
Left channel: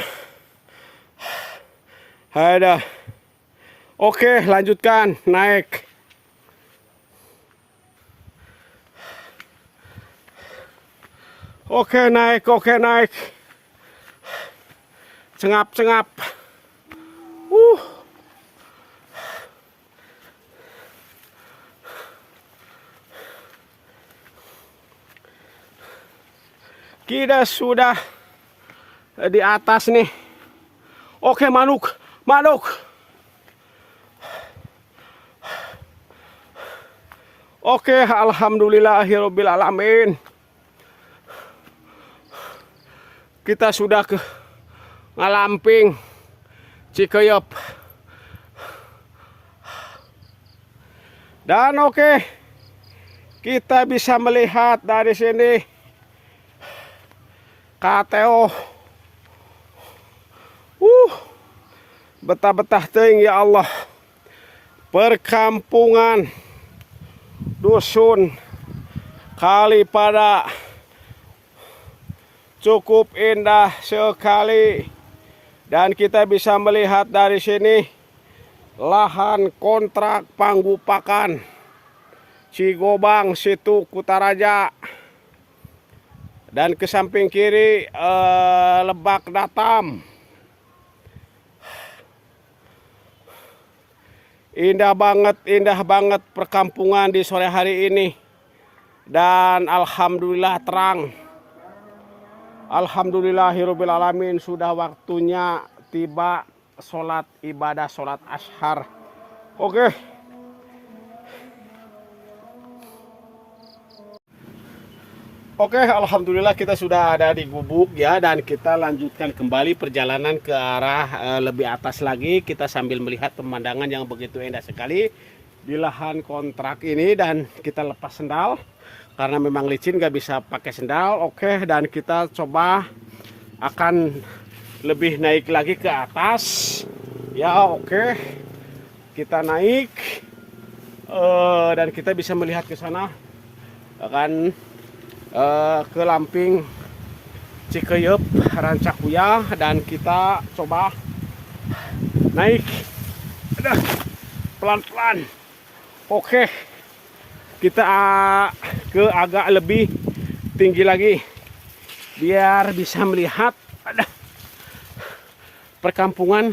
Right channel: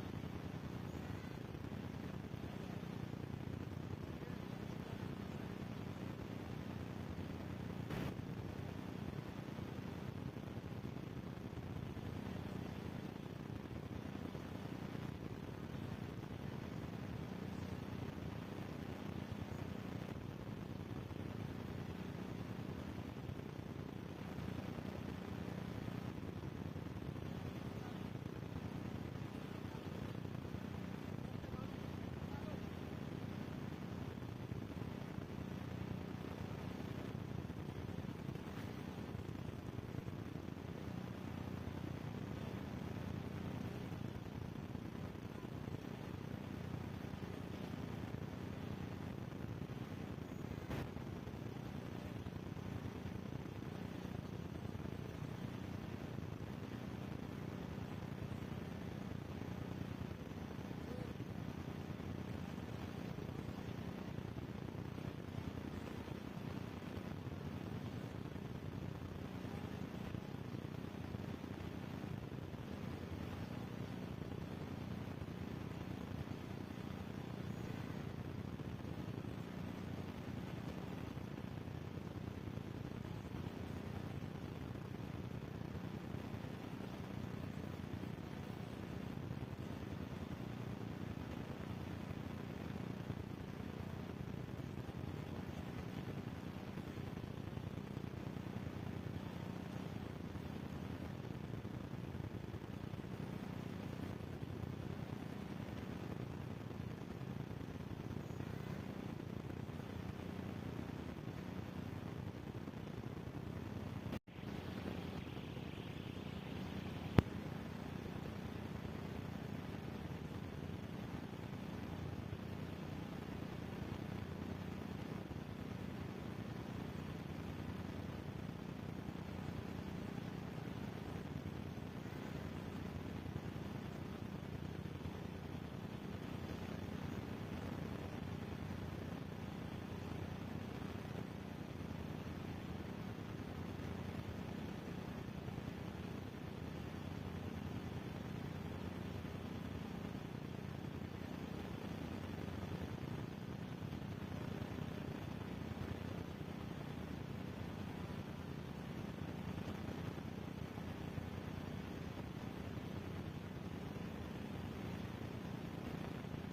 Ada. Oke, lanjutkan naik. Oke, naik. Cengap. Kita sudah di atas nih. Oke, manuk. Oke, alhamdulillahirabbil alamin. Kita sudah ke Ngalamping Cikeyep. Dan oke, kita bisa melihat dari sini KTO. Betah-betah teuing ya Allah. Perkampungan Dusun Kalipada cukup indah sekali. Dan kita bisa melihat dari sini lahan kontrak Panggupakan Cigobang situ Kutaraja. Dan ke samping kiri Lebak Datam. Indah banget perkampungan di sore hari ini. Dan alhamdulillah terang. Alhamdulillahirobbilalamin, sudah waktunya tiba sholat ibadah sholat ashar. Oke. Oke, alhamdulillah kita sudah ada di gubuk ya, dan kita lanjutkan kembali perjalanan ke arah lebih atas lagi. Kita sambil melihat pemandangan yang begitu indah sekali di lahan kontrak ini, dan kita lepas sendal karena memang licin gak bisa pakai sendal. Oke, dan kita coba akan lebih naik lagi ke atas ya. Oke, kita naik dan kita bisa melihat ke sana akan ke Lamping Cikeyup Rancakuya, dan kita coba naik pelan-pelan. Oke, kita ke agak lebih tinggi lagi biar bisa melihat perkampungan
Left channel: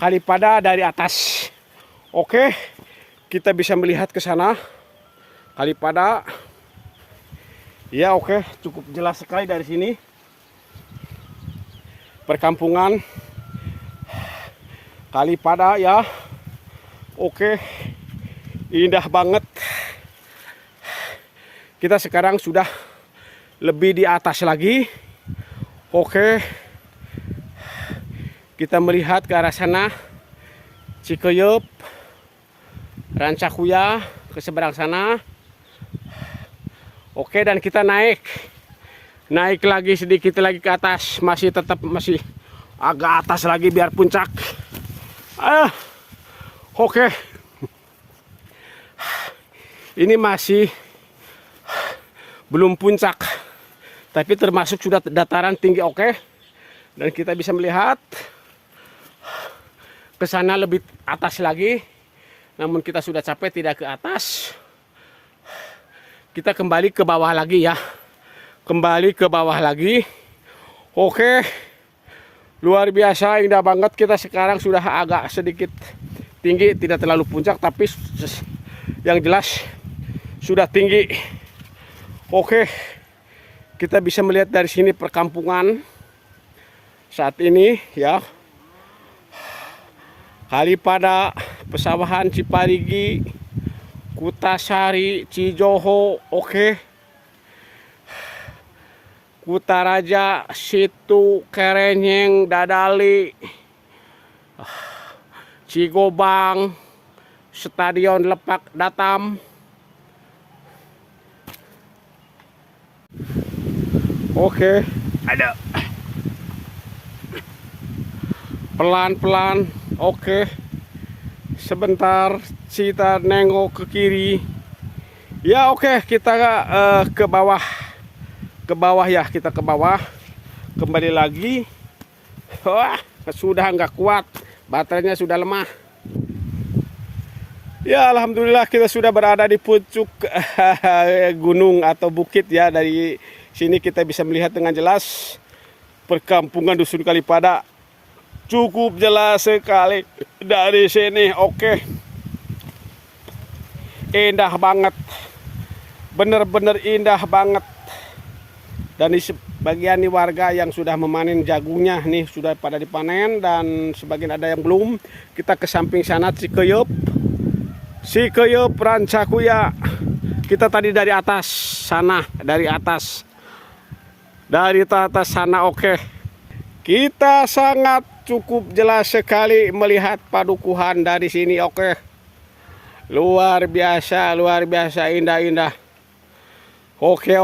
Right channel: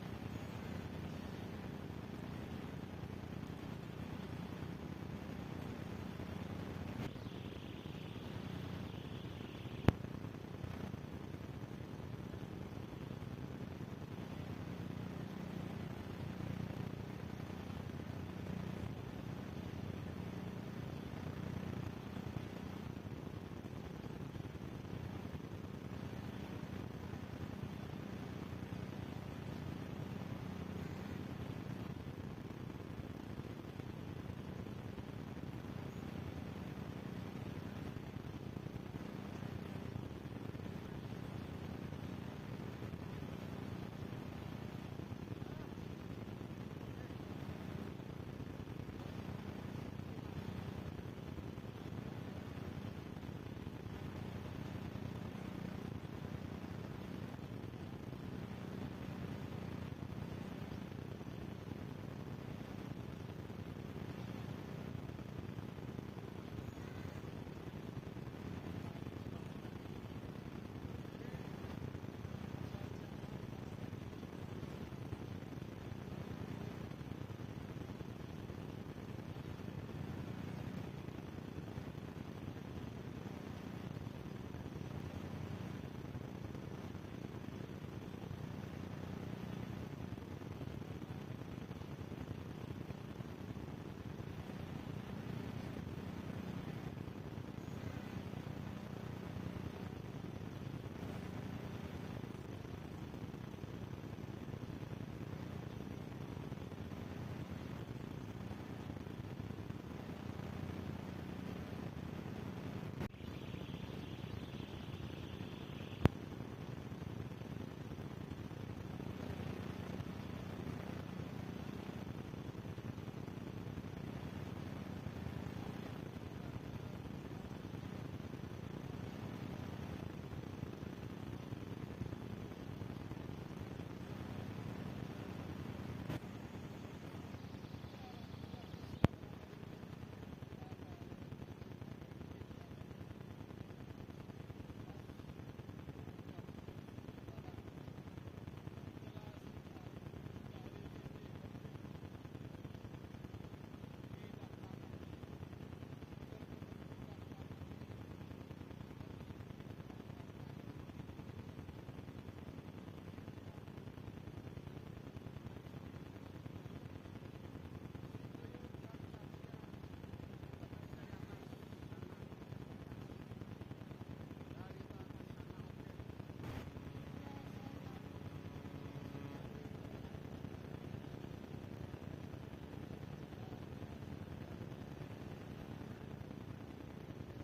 Kalipada dari atas. Oke, kita bisa melihat ke sana Kalipada. Ya, oke, cukup jelas sekali dari sini perkampungan Kalipada ya. Oke, indah banget. Kita sekarang sudah lebih di atas lagi. Oke, kita melihat ke arah sana Cikeyup Rancakuya ke seberang sana. Oke, dan kita naik lagi sedikit lagi ke atas, masih agak atas lagi biar puncak. Oke, ini masih belum puncak, tapi termasuk sudah dataran tinggi. Oke, dan kita bisa melihat ke sana lebih atas lagi, namun kita sudah capek tidak ke atas. Kita kembali ke bawah lagi ya. Kembali ke bawah lagi. Oke. Luar biasa, indah banget. Kita sekarang sudah agak sedikit tinggi, tidak terlalu puncak, tapi yang jelas sudah tinggi. Oke. Kita bisa melihat dari sini perkampungan saat ini ya. Kalipada, Pesawahan Ciparigi, Kutasari, Cijoho, oke. Kutaraja, Situ, Kerenyeng, Dadali, Cigobang, Stadion Lebak Datam. Oke, ada. Pelan-pelan, oke. Sebentar kita nengok ke kiri. Ya, oke, kita ke bawah. Ke bawah ya, kita ke bawah. Kembali lagi. Wah, sudah nggak kuat. Baterainya sudah lemah. Ya, alhamdulillah kita sudah berada di puncak gunung atau bukit ya. Dari sini kita bisa melihat dengan jelas perkampungan Dusun Kalipada. Cukup jelas sekali dari sini. Oke, indah banget, bener-bener indah banget. Dan di sebagian nih warga yang sudah memanen jagungnya nih sudah pada dipanen, dan sebagian ada yang belum. Kita ke samping sana Cikeyup Rancakuya. Kita tadi dari atas sana, dari atas sana. Oke, kita sangat cukup jelas sekali melihat padukuhan dari sini. Oke, luar biasa indah. Oke.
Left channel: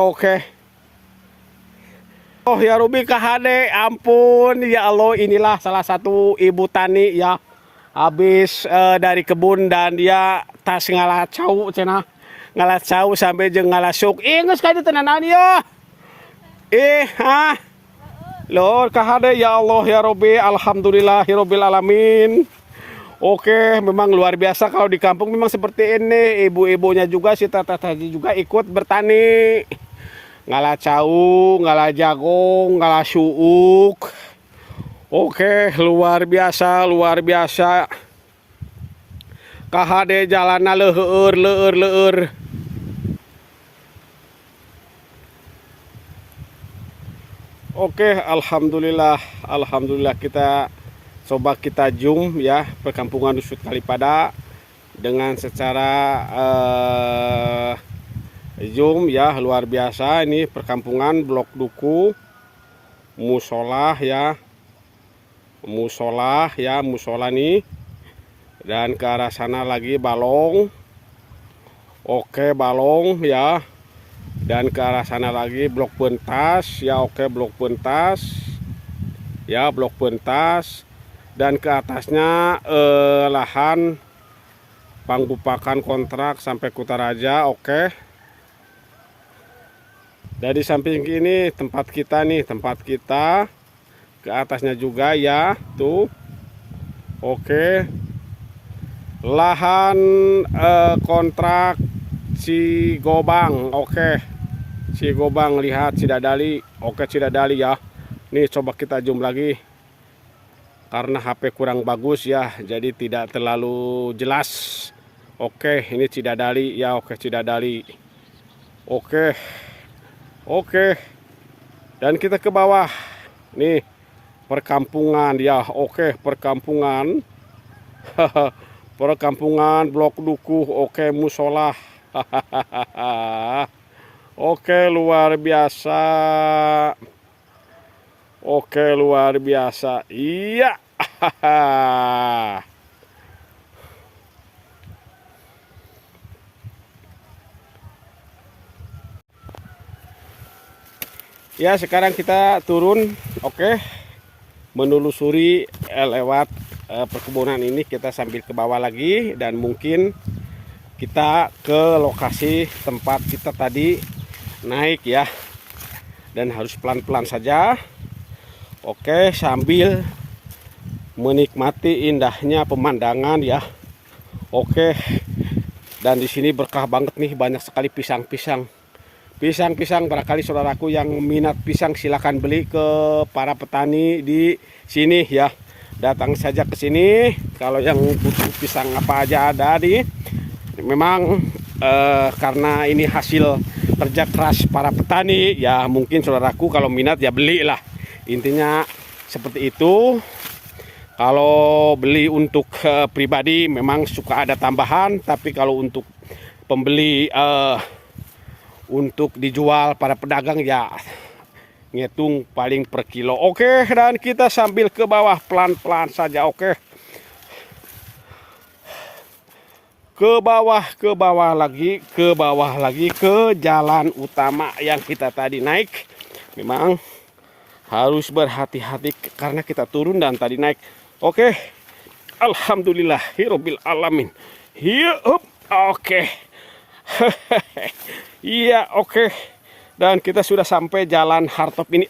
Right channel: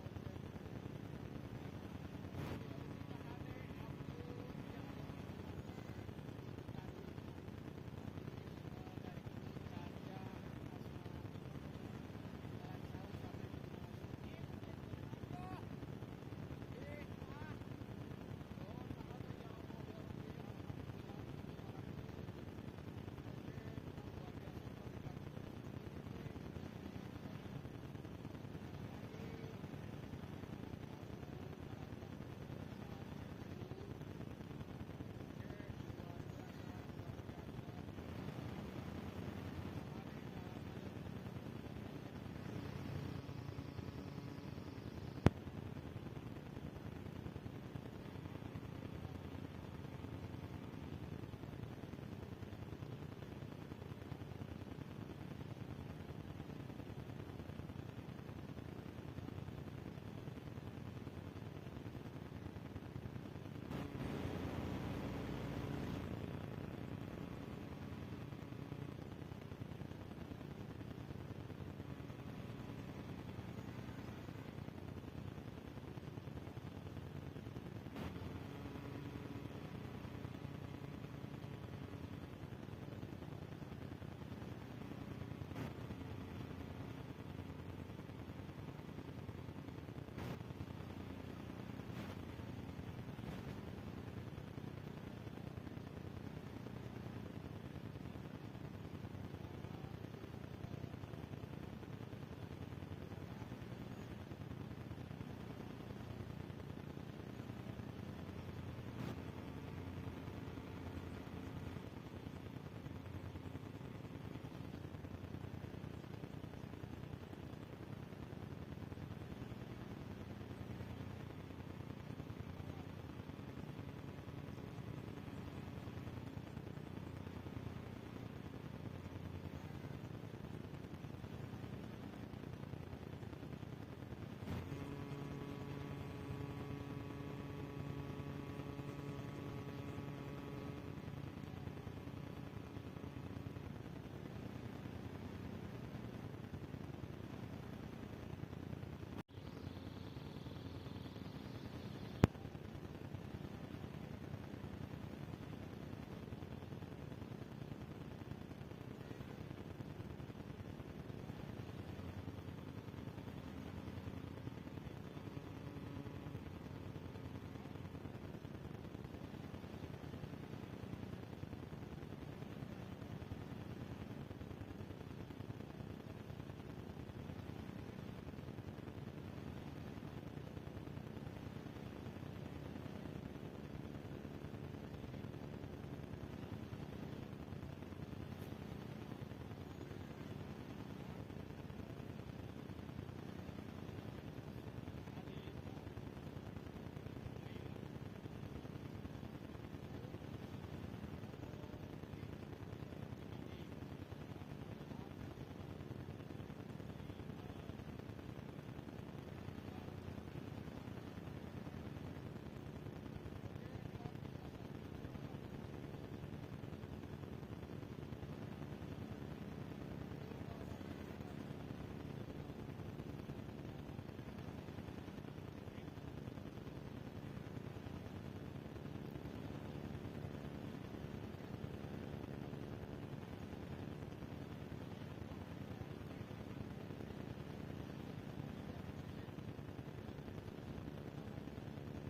Oh ya Ruby KHD, ampun ya Allah, inilah salah satu ibu tani ya, habis dari kebun dan dia tas ngalacau cina. ngalacau sampai jeung ngalasuk. Geus ka dieu tenanan ya. Lord kahade ya Allah ya Rabbi, alhamdulillahirabbil alamin. Oke, memang luar biasa kalau di kampung memang seperti ini. Ibu-ibunya juga si tata juga ikut bertani. Ngalah cau, ngalah jagung, ngalah suuk. Oke, luar biasa, luar biasa. Kahade jalanna leueur. Oke, alhamdulillah kita coba kita zoom ya perkampungan Dusun Kalipada dengan secara zoom ya, luar biasa. Ini perkampungan Blok Duku, musola nih, dan ke arah sana lagi balong. Oke, balong ya, dan ke arah sana lagi blok pentas ya. Oke, blok pentas ya, blok pentas. Dan ke atasnya lahan panggupakan kontrak sampai Kutaraja. Oke. Dari samping ini tempat kita nih, tempat kita. Ke atasnya juga ya, tuh. Oke. Lahan kontrak Cigobang. Oke. Cigobang, lihat Cidadali. Oke, Cidadali ya. Nih coba kita zoom lagi. Karena HP kurang bagus ya, jadi tidak terlalu jelas. Oke, ini Cidadali ya. Oke, Cidadali. Oke. Dan kita ke bawah. Nih, perkampungan ya. Oke, perkampungan. Perkampungan Blok Duku. Oke, musola. Oke, luar biasa. Oke, luar biasa. Iya. Ya, sekarang kita turun. Oke. Menelusuri lewat perkebunan ini, kita sambil ke bawah lagi dan mungkin kita ke lokasi tempat kita tadi naik ya. Dan harus pelan-pelan saja. Oke, sambil menikmati indahnya pemandangan ya. Oke. Dan di sini berkah banget nih, banyak sekali pisang-pisang. Pisang-pisang, barangkali saudaraku yang minat pisang silakan beli ke para petani di sini ya. Datang saja ke sini. Kalau yang butuh pisang apa aja ada di. Memang karena ini hasil kerja keras para petani ya, mungkin saudaraku kalau minat ya belilah. Intinya seperti itu. Kalau beli untuk pribadi memang suka ada tambahan, tapi kalau untuk pembeli untuk dijual para pedagang ya ngitung paling per kilo. Oke, dan kita sambil ke bawah pelan-pelan saja. Oke. Ke bawah lagi ke jalan utama yang kita tadi naik. Memang harus berhati-hati karena kita turun dan tadi naik. Oke. Alhamdulillahirabbil alamin. Iya, oke. Iya, oke. Dan kita sudah sampai jalan Hartop ini.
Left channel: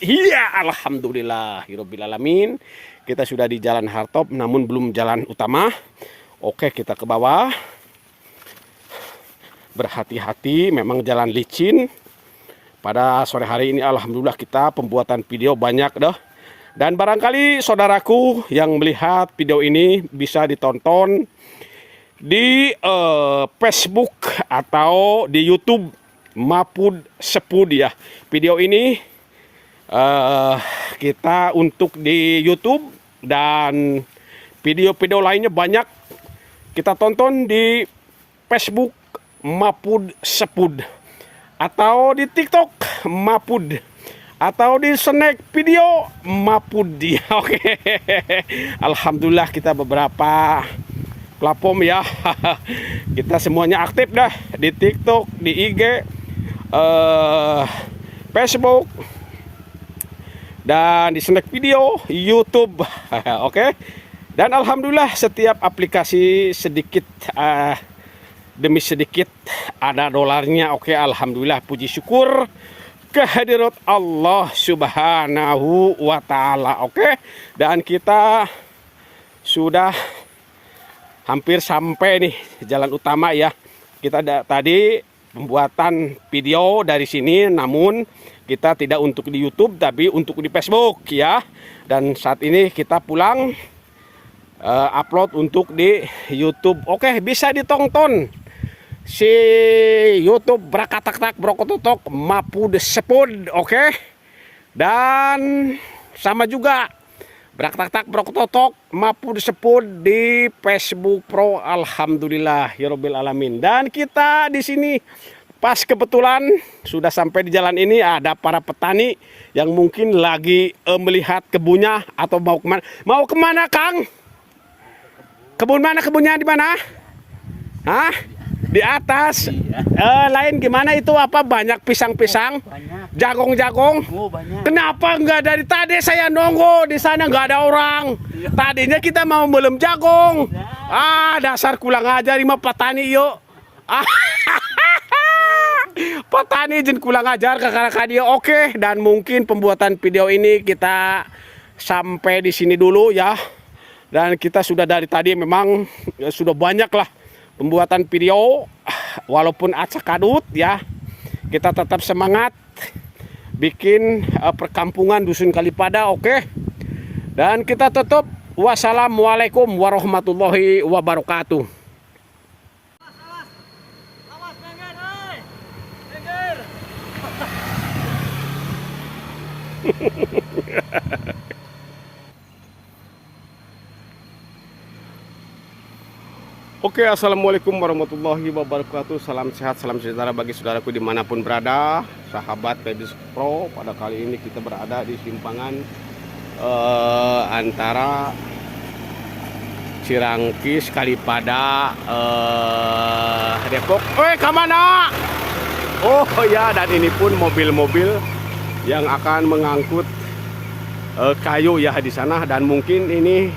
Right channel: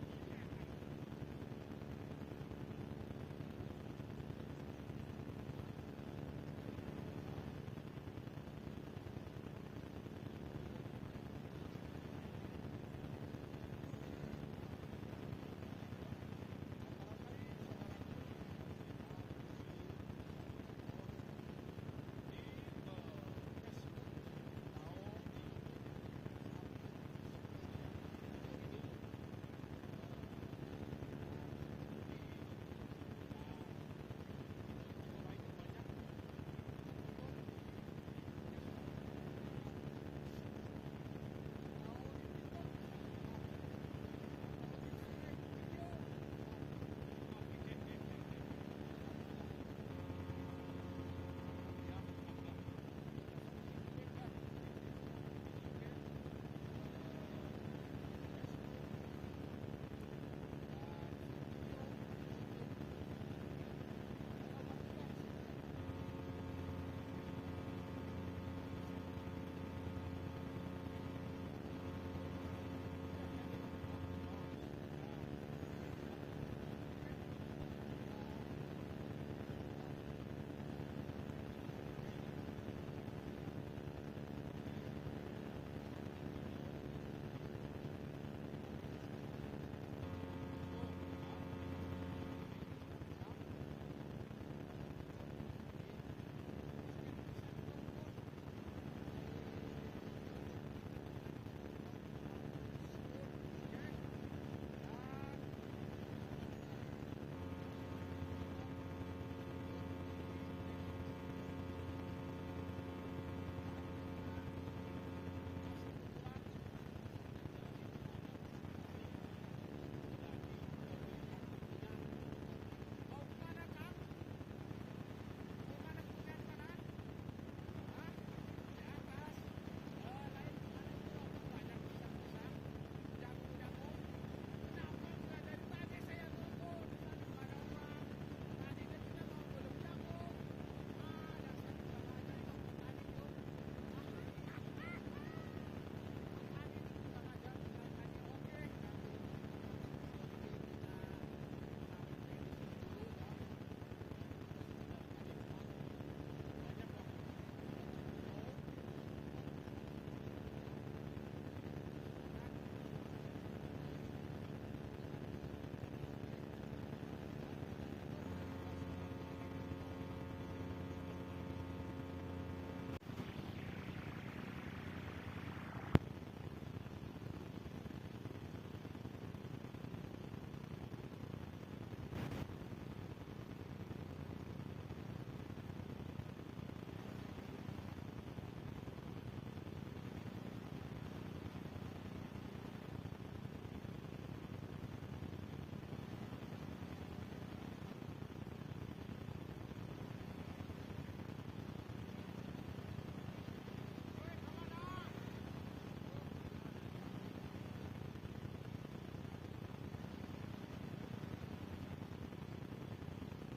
Iya, alhamdulillahirabbil alamin. Kita sudah di jalan Hartop namun belum jalan utama. Oke, kita ke bawah. Berhati-hati, memang jalan licin. Pada sore hari ini alhamdulillah kita pembuatan video banyak dah. Dan barangkali saudaraku yang melihat video ini bisa ditonton di Facebook atau di YouTube Mapud Sepud ya. Video ini kita untuk di YouTube dan video-video lainnya banyak kita tonton di Facebook Mapud Sepud atau di TikTok Mapud atau di snack video Mapud ya. Oke. Alhamdulillah kita beberapa platform ya. Kita semuanya aktif dah di TikTok, di IG, Facebook dan di snack video YouTube. Oke. Dan alhamdulillah setiap aplikasi sedikit demi sedikit ada dolarnya. Oke, alhamdulillah, puji syukur kehadirat Allah Subhanahu wa taala. Oke, dan kita sudah hampir sampai nih jalan utama ya. Kita tadi pembuatan video dari sini, namun kita tidak untuk di YouTube tapi untuk di Facebook ya. Dan saat ini kita pulang upload untuk di YouTube. Oke, bisa ditonton si YouTube Brakatak Brokototok Mapud Sepud. Oke, dan sama juga Brakatak Brokototok Mapud Sepud di Facebook Pro. Alhamdulillah ya Rabbil Alamin. Dan kita di sini pas kebetulan sudah sampai di jalan ini, ada para petani yang mungkin lagi melihat kebunnya atau mau kemana? Mau kemana, Kang? Kebun mana? Kebunnya di mana? Hah? Di atas. Lain gimana itu, apa banyak pisang-pisang? Banyak. Jagong-jagong? Oh, banyak. Kenapa enggak dari tadi saya nunggu di sana nggak ada orang? Tadinya kita mau belum jagong. Dasar kurang ajar mah petani yuk. Petani izin kurang ajar kakak-kakak dia. Oke, dan mungkin pembuatan video ini kita sampai di sini dulu ya. Dan kita sudah dari tadi memang sudah banyak lah pembuatan video, walaupun acak kadut ya. Kita tetap semangat bikin perkampungan Dusun Kalipada. Oke, dan kita tutup. Wassalamualaikum warahmatullahi wabarakatuh. Oke, assalamualaikum warahmatullahi wabarakatuh. Salam sehat, salam sejahtera bagi saudaraku dimanapun berada. Sahabat Pedis Pro, pada kali ini kita berada di simpangan antara Cirangkis, Kalipada, Depok. Kemana? Oh ya, dan ini pun mobil-mobil yang akan mengangkut kayu ya di sana. Dan mungkin ini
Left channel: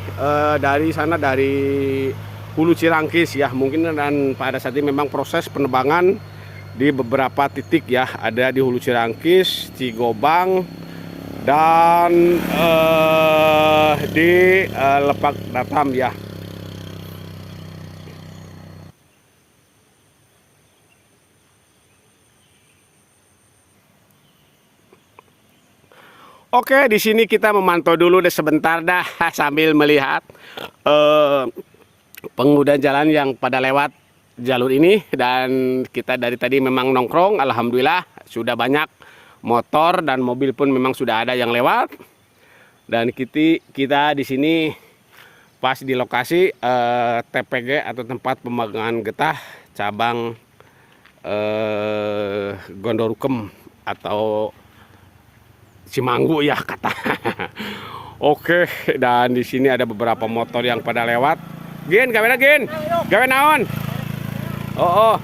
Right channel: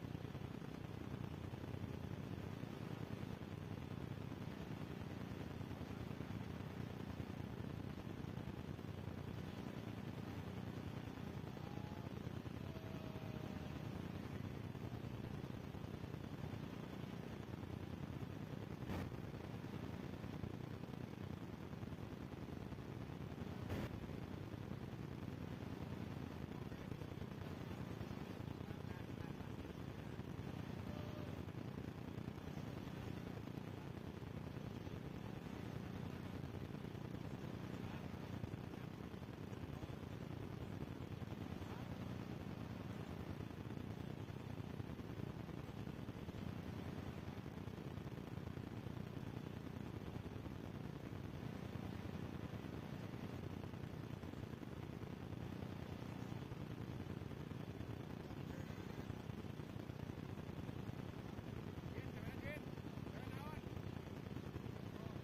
dari sana, dari Hulu Cirangkis ya mungkin. Dan pada saat ini memang proses penebangan di beberapa titik ya, ada di Hulu Cirangkis, Cigobang, dan di Lepak Datam ya. Oke, di sini kita memantau dulu deh sebentar dah sambil melihat pengguna jalan yang pada lewat jalur ini. Dan kita dari tadi memang nongkrong, alhamdulillah sudah banyak motor dan mobil pun memang sudah ada yang lewat. Dan kita di sini pas di lokasi TPG atau tempat pemanggangan getah cabang Gondorukem atau Cimanggu ya kata. Oke, dan di sini ada beberapa motor yang pada lewat. Gin, gawe Gin. Gawe naon? Oh.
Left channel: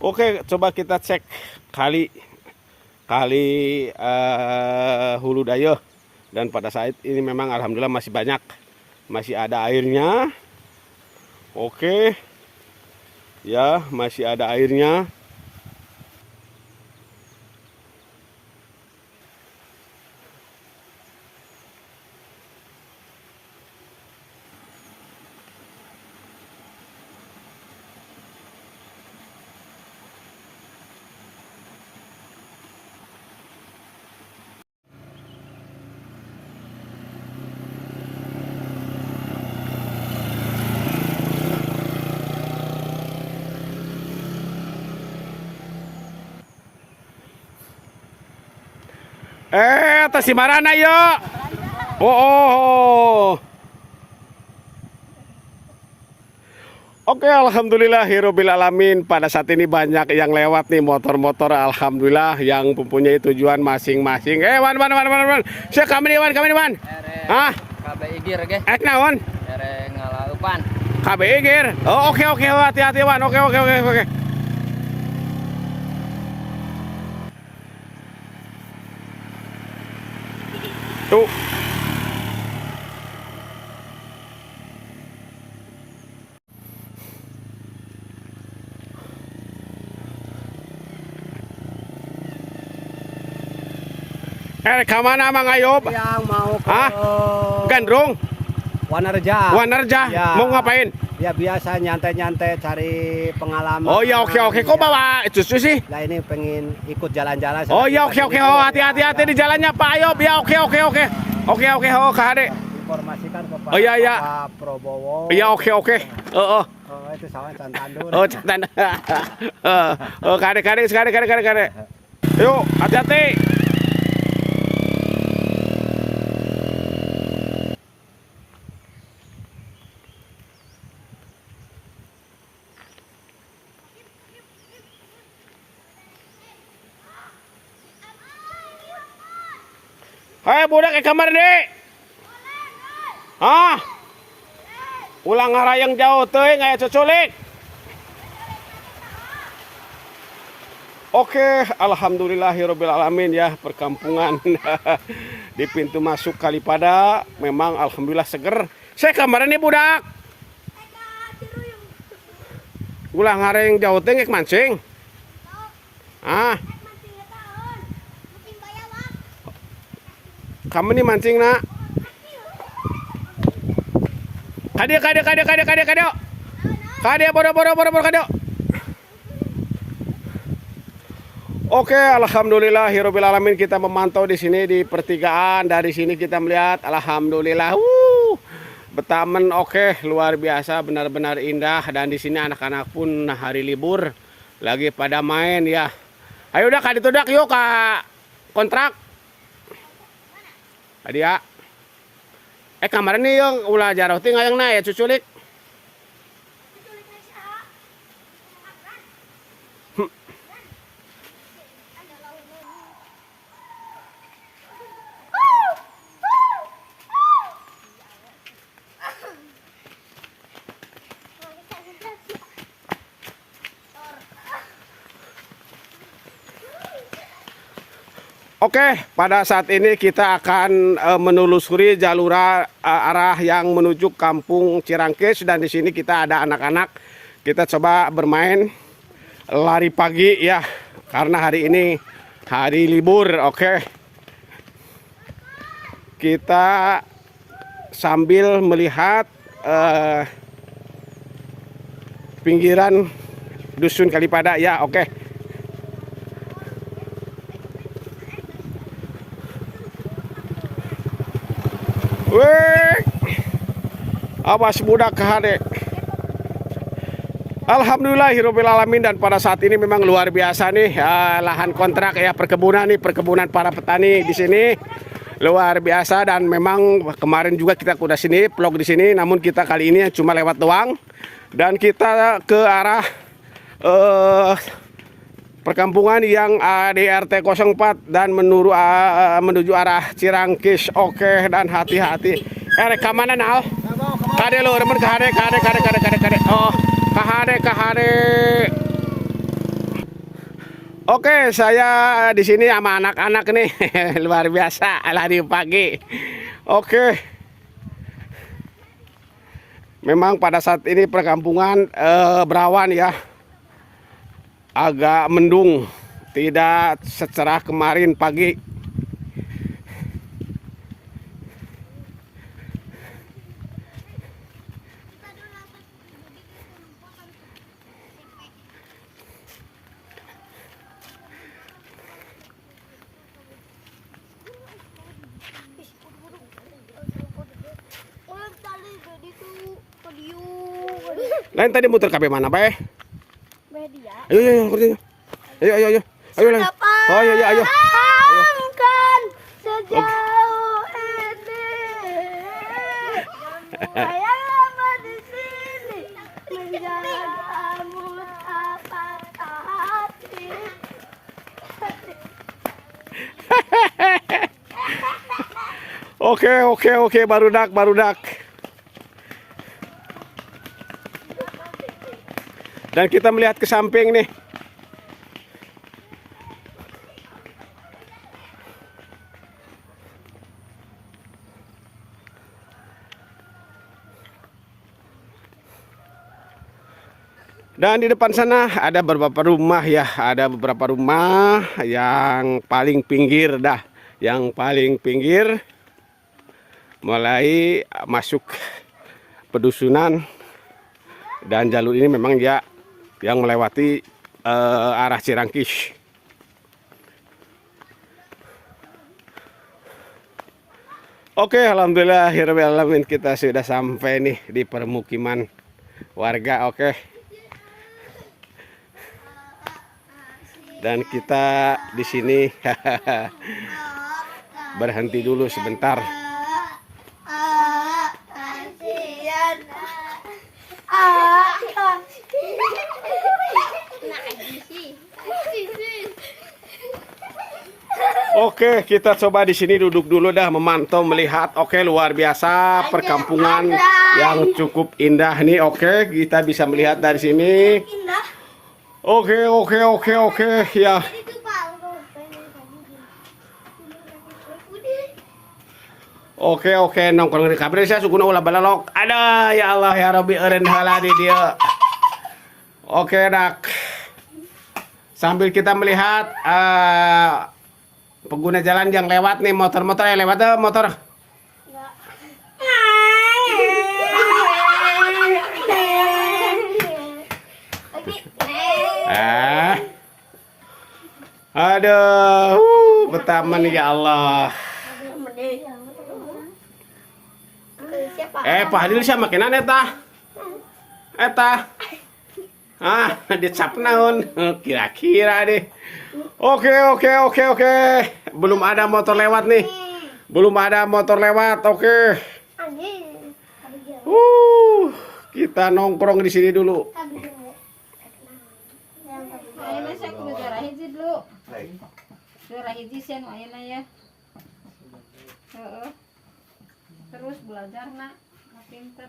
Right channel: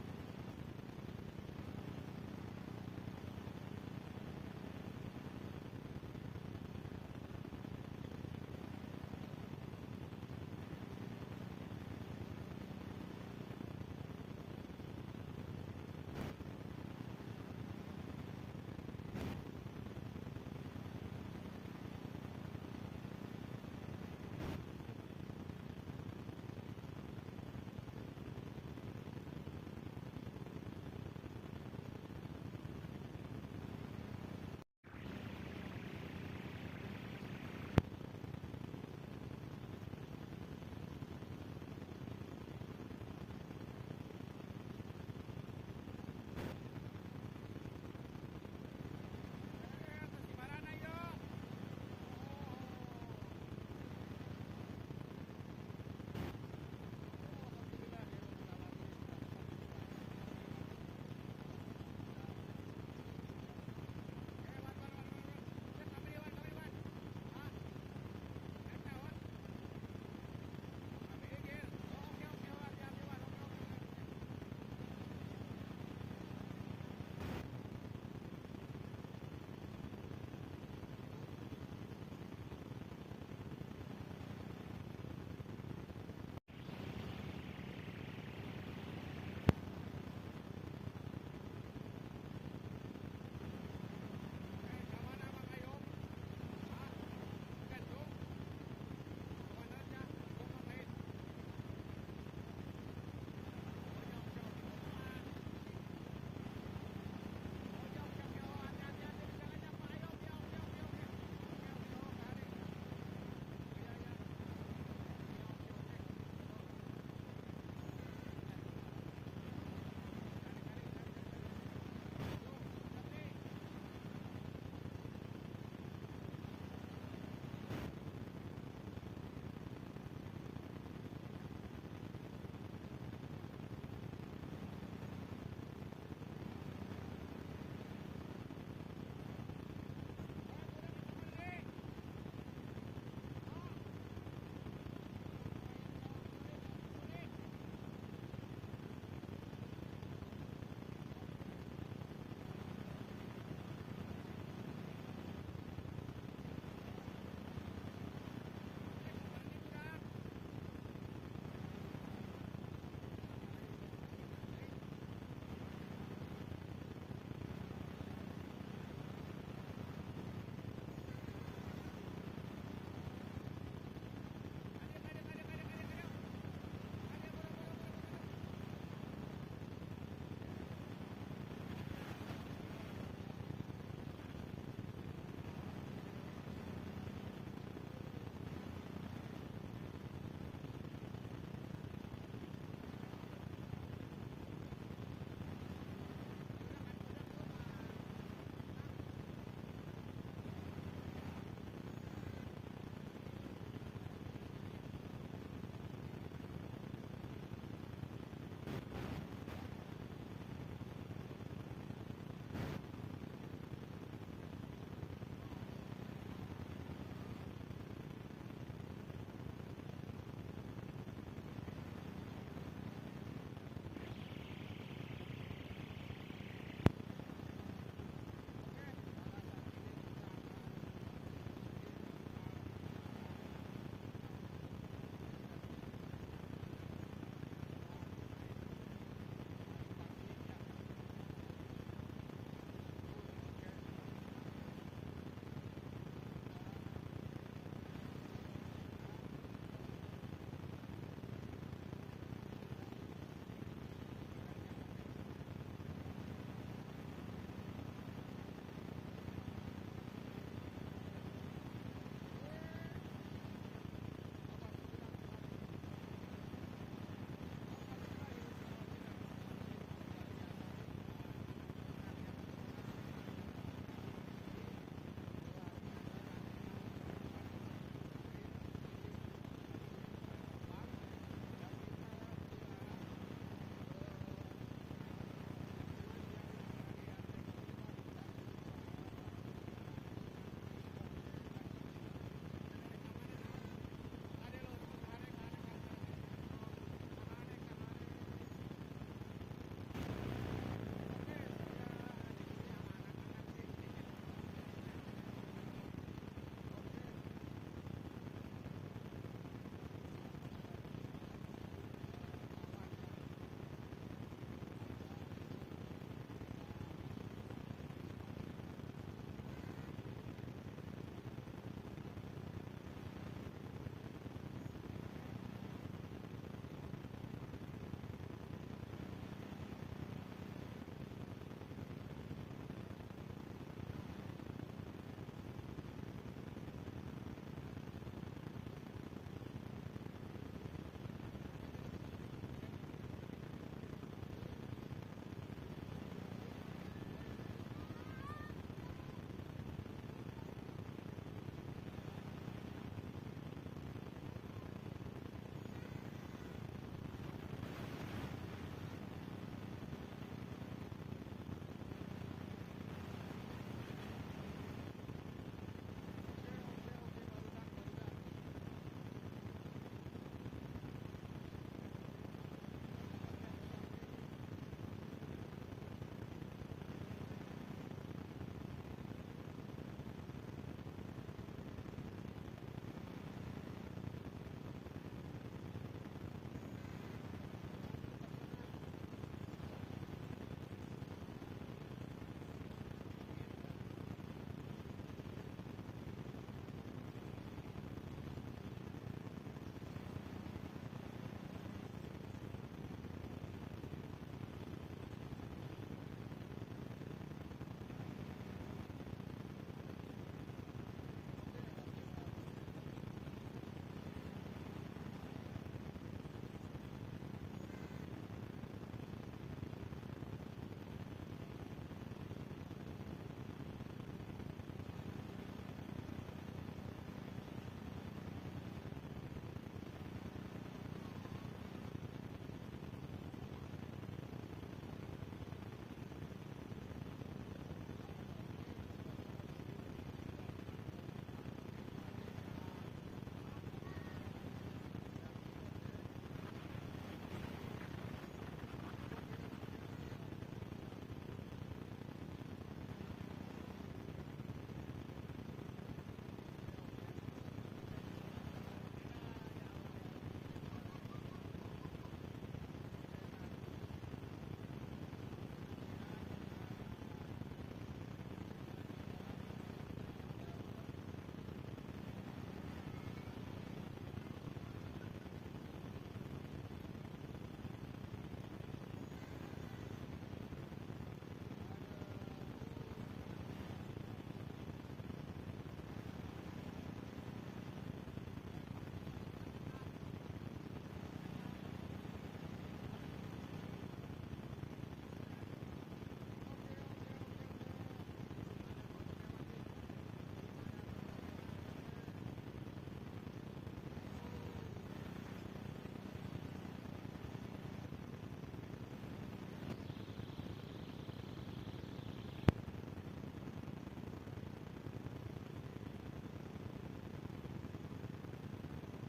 Oke, coba kita cek kali Hulu Dayo. Dan pada saat ini memang alhamdulillah masih banyak, masih ada airnya. Oke, ya masih ada airnya. Tas si Marana yo. Oh. Oke, alhamdulillahirabbil alamin. Pada saat ini banyak yang lewat nih motor-motor, alhamdulillah, yang mempunyai tujuan masing-masing. Wan. Saya kami wan. Hah? KBI Gir ge. Naon? Ngalaupan. KBI Gir. Oh, oke, hati-hati wan. Oke. Tuh. Kemana Mang Ayub? Yang mau ke Hah? Gandrung? Wanarja. Wanarja? Ya. Mau ngapain? Ya biasa nyantai-nyantai cari pengalaman. Oh ya oke. Kok bawa susu sih? Lah ini pengen ikut jalan-jalan. Oh ya oke. Oh hati-hati di jalannya Pak Ayub. Ya oke. Oke. Oh Kade. Informasikan kepada Oh, iya. Pak Prabowo. Iya oke. Oh itu sama Cantandun. Oh tanda. Oh Kade. Yuk hati-hati. Hai budak ke kamar deh. Ah. Ulang ngarayang jauh teuing aya cuculik. Oke, alhamdulillahirabbil alamin ya, perkampungan di pintu masuk Kalipada memang alhamdulillah seger. Saya kamaran nih budak. Ulang ngarayang jauh teuing ngek mancing. Ah. Kamu nih mancing nak. Kade. Kade boro kade. Oke, alhamdulillahirabbil alamin kita memantau di sini di pertigaan. Dari sini kita melihat alhamdulillah. Betamen oke, luar biasa, benar-benar indah dan di sini anak-anak pun hari libur lagi pada main ya. Ayo dah kade tudak yuk ke kontrak. Adia. Kamaran nih yang ulah jarau teh ngayang na ya cuculik. Oke, pada saat ini kita akan menelusuri jalur arah yang menuju Kampung Cirangkis dan di sini kita ada anak-anak. Kita coba bermain lari pagi ya, karena hari ini hari libur. Oke. Kita sambil melihat pinggiran dusun Kalipada ya, oke. Wih, awas budak kehade. Alhamdulillahirabbil alamin dan pada saat ini memang luar biasa nih lahan kontrak ya perkebunan para petani di sini luar biasa dan memang kemarin juga kita udah sini vlog di sini namun kita kali ini cuma lewat doang dan kita ke arah perkampungan yang di RT 04 dan menuju arah Cirangkis. Oke dan hati-hati. Rek mana nal? Kade lo remen kade. Oh, kade. Oke, saya di sini sama anak-anak nih. Luar biasa lari pagi. Oke. Memang pada saat ini perkampungan berawan ya. Agak mendung, tidak secerah kemarin pagi. Lain tadi muter kabeh mana bae? Ayo. Ayo lah. Oh iya. Ayo. Kan sejauh ini. Saya lama di sini menjagamu apa hati. Oke, barudak. Dan kita melihat ke samping nih. Dan di depan sana ada beberapa rumah ya, ada beberapa rumah yang paling pinggir dah, yang paling pinggir mulai masuk pedusunan, dan jalur ini memang ya yang melewati arah Cirangkis. Oke, alhamdulillah alamin kita sudah sampai nih di permukiman warga. Oke. Dan kita di sini berhenti dulu sebentar. Oke, kita coba di sini duduk dulu dah, memantau, melihat. Oke, luar biasa perkampungan yang cukup indah nih. Oke, kita bisa melihat dari sini. Oke ya. Oke, nongkrong di kabel saya suguna ulah balalok. Ada ya Allah ya Rabbi eureun heula di dia. Oke, dak. Sambil kita melihat pengguna jalan yang lewat nih, motor-motor yang lewat tuh motor. Aduh, betaman ya Allah. Pak Hadil siapa makinan eta? Dicap naon? Kira-kira deh. Oke. Belum ada motor lewat nih. Oke. Kita nongkrong di sini dulu. Terus belajar nak, pinter.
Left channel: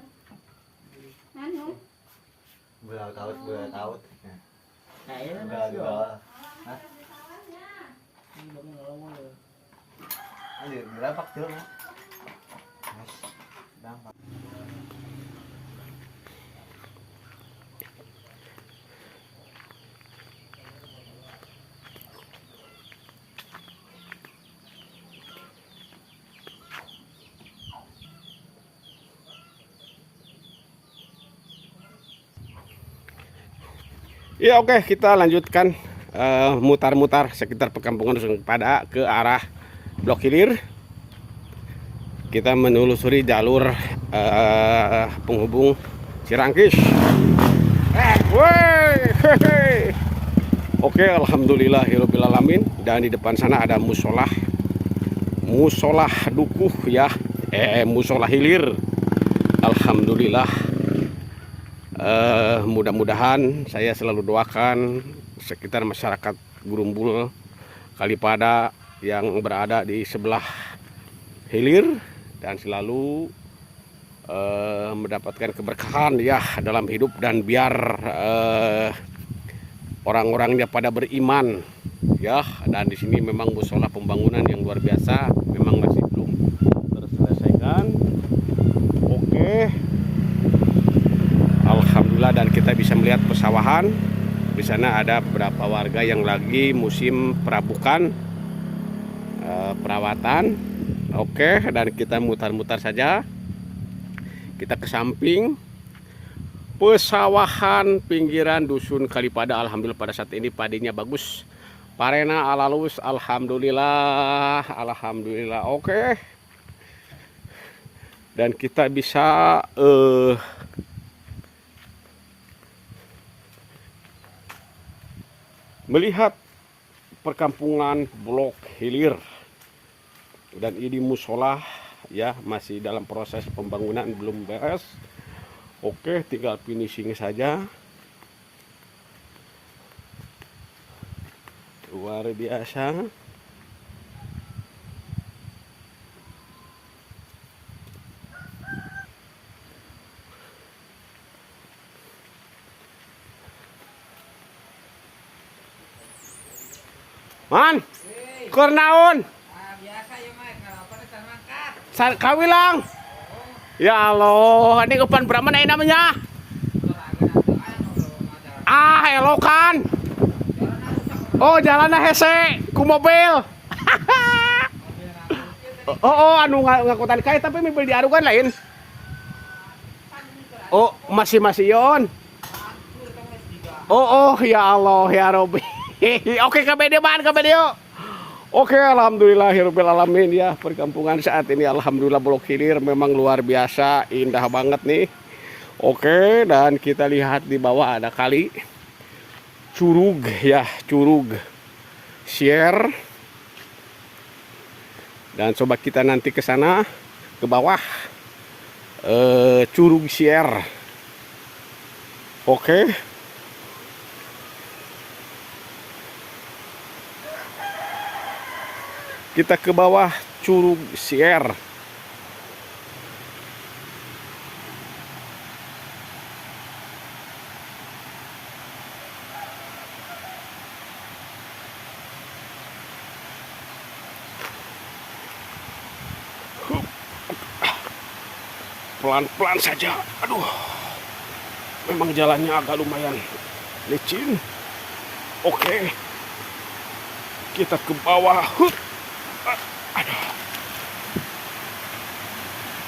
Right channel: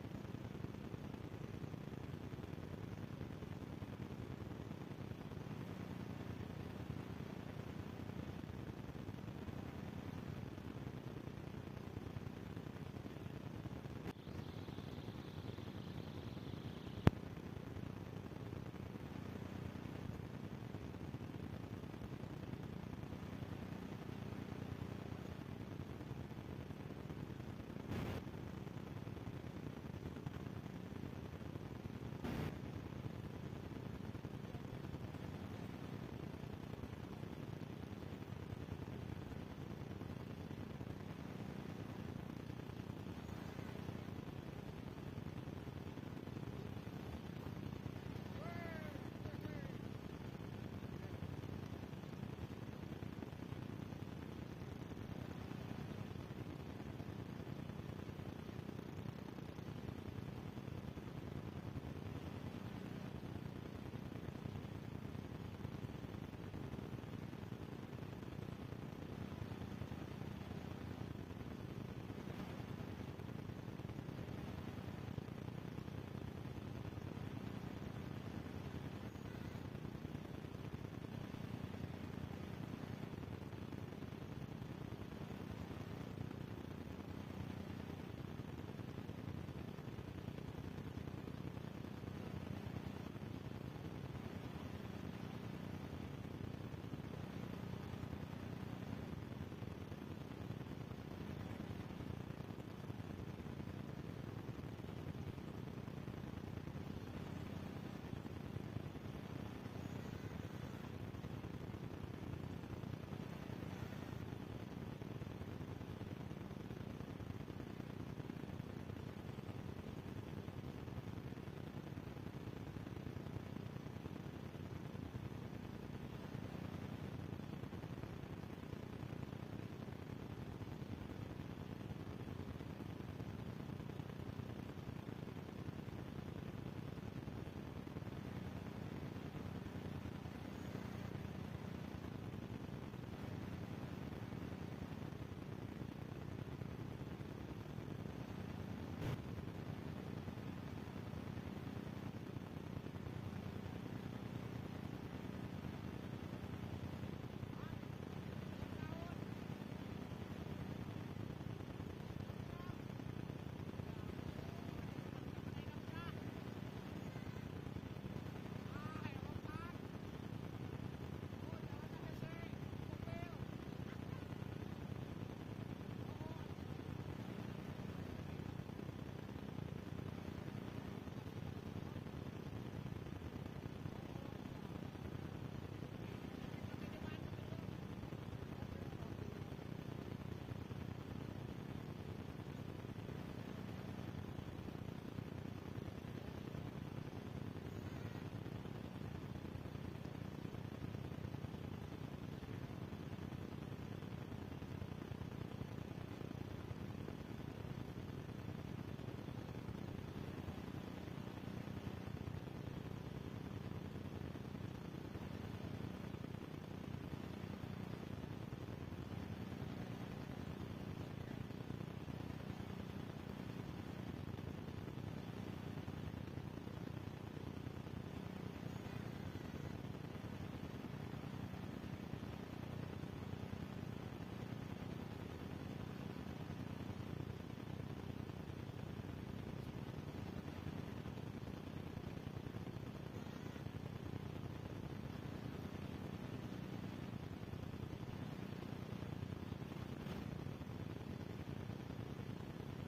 Tahu. Nah, ini Berapa kilo? Ya oke, kita lanjutkan mutar-mutar sekitar perkampungan Dusun Kalipada ke arah Blok Hilir. Kita menelusuri jalur penghubung Cirangkis. Oke, alhamdulillahirabbil alamin. Dan di depan sana ada musolah dukuh ya, musolah hilir. Alhamdulillah. Mudah-mudahan saya selalu doakan sekitar masyarakat Grumbul Kalipada yang berada di sebelah hilir dan selalu mendapatkan keberkahan ya dalam hidup, dan biar orang-orangnya pada beriman ya. Dan di sini memang musola pembangunan yang luar biasa, memang masih belum terselesaikan. Oke. Alhamdulillah, dan kita bisa melihat pesawahan. Di sana ada beberapa warga yang lagi musim perabukan, perawatan. Oke, dan kita mutar-mutar saja. Kita ke samping pesawahan pinggiran Dusun Kalipada. Alhamdulillah pada saat ini padinya bagus. Parena alalus, alhamdulillah. Oke. Dan kita bisa melihat perkampungan Blok Hilir, dan ini musola ya masih dalam proses pembangunan, belum beres. Oke, tinggal finishing saja. Luar biasa. Man, keur naon? Kawilang. Ya Allah, ini kepan berapa nih namanya? Ah, elokan. Oh, jalannya hese ku mobil. Oh, anu ngakutan kae tapi mobil diarugan lain. Oh, masih yon. Oh, ya Allah, ya Robbi. Oke, kabede yuk. Oke, alhamdulillahirabbil alamin ya. Perkampungan saat ini alhamdulillah Blok Hilir memang luar biasa, indah banget nih. Oke, dan kita lihat di bawah ada kali Curug ya, Curug Share. Dan coba kita nanti ke sana ke bawah Curug Share. Oke. Kita ke bawah Curug Share. Pelan-pelan saja. Aduh. Memang jalannya agak lumayan licin. Oke. Kita ke bawah. Aduh.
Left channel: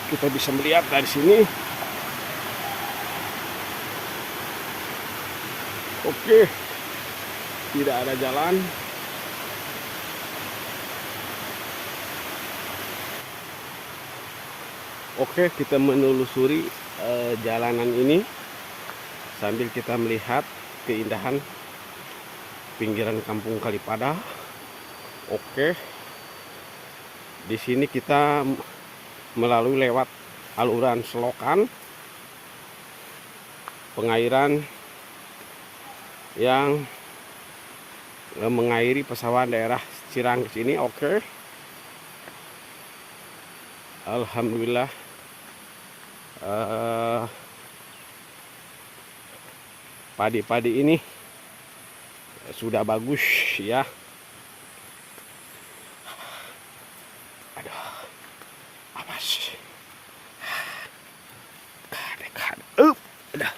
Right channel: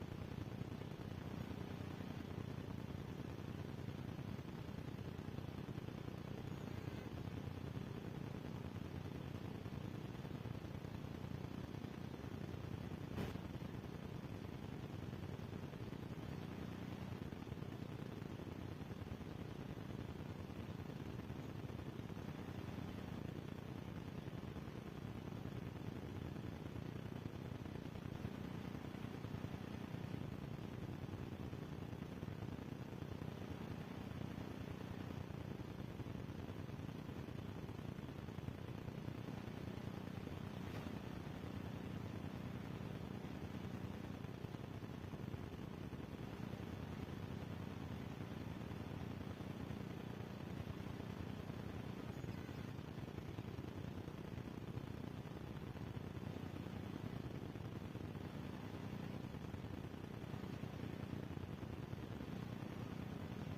Kita bisa melihat dari sini. Oke. Tidak ada jalan. Oke, kita menelusuri jalanan ini sambil kita melihat keindahan pinggiran Kampung Kalipada. Oke. Di sini kita melalui lewat aluran selokan pengairan yang mengairi pesawahan daerah Cirang ke sini. Oke. Alhamdulillah. Padi-padi ini sudah bagus ya. Aduh, awas. Udah.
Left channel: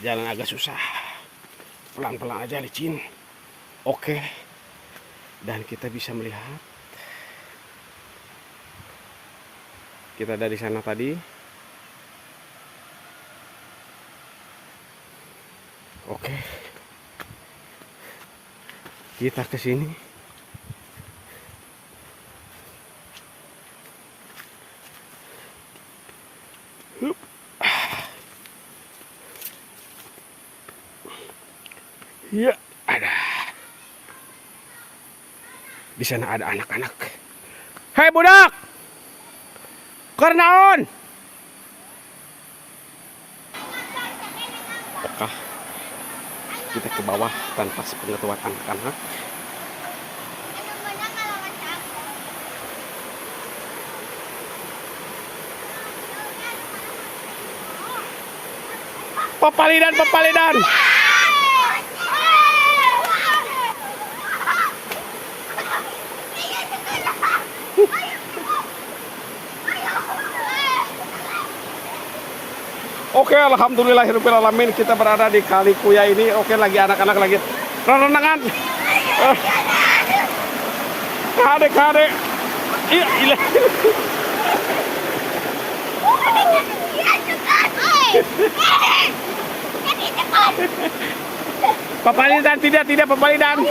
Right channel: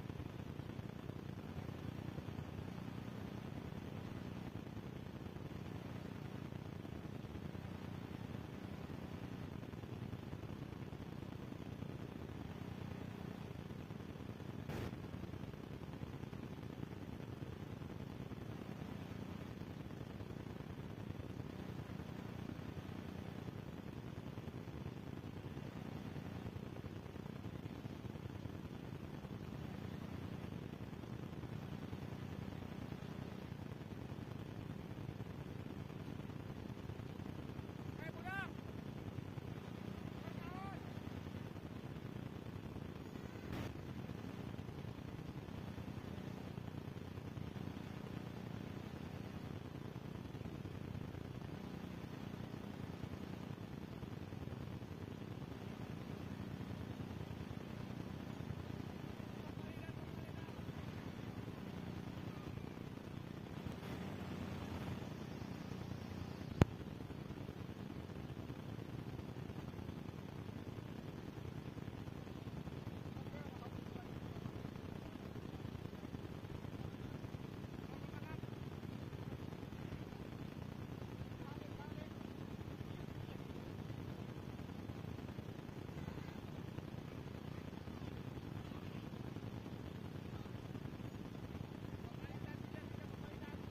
Jalan agak susah. Pelan-pelan aja licin. Oke. Dan kita bisa melihat. Kita dari sana tadi. Oke. Kita ke sini. Ya, ada. Di sana ada anak-anak. Hei budak! Karnaon! Apakah kita ke bawah tanpa sepengetahuan anak-anak? Papalidan! Oke, alhamdulillahirabbil alamin, kita berada di Kali Kuya ini. Oke, lagi anak-anak lagi renangan. Kade. Iya, ilah. Papalidan tidak papalidan.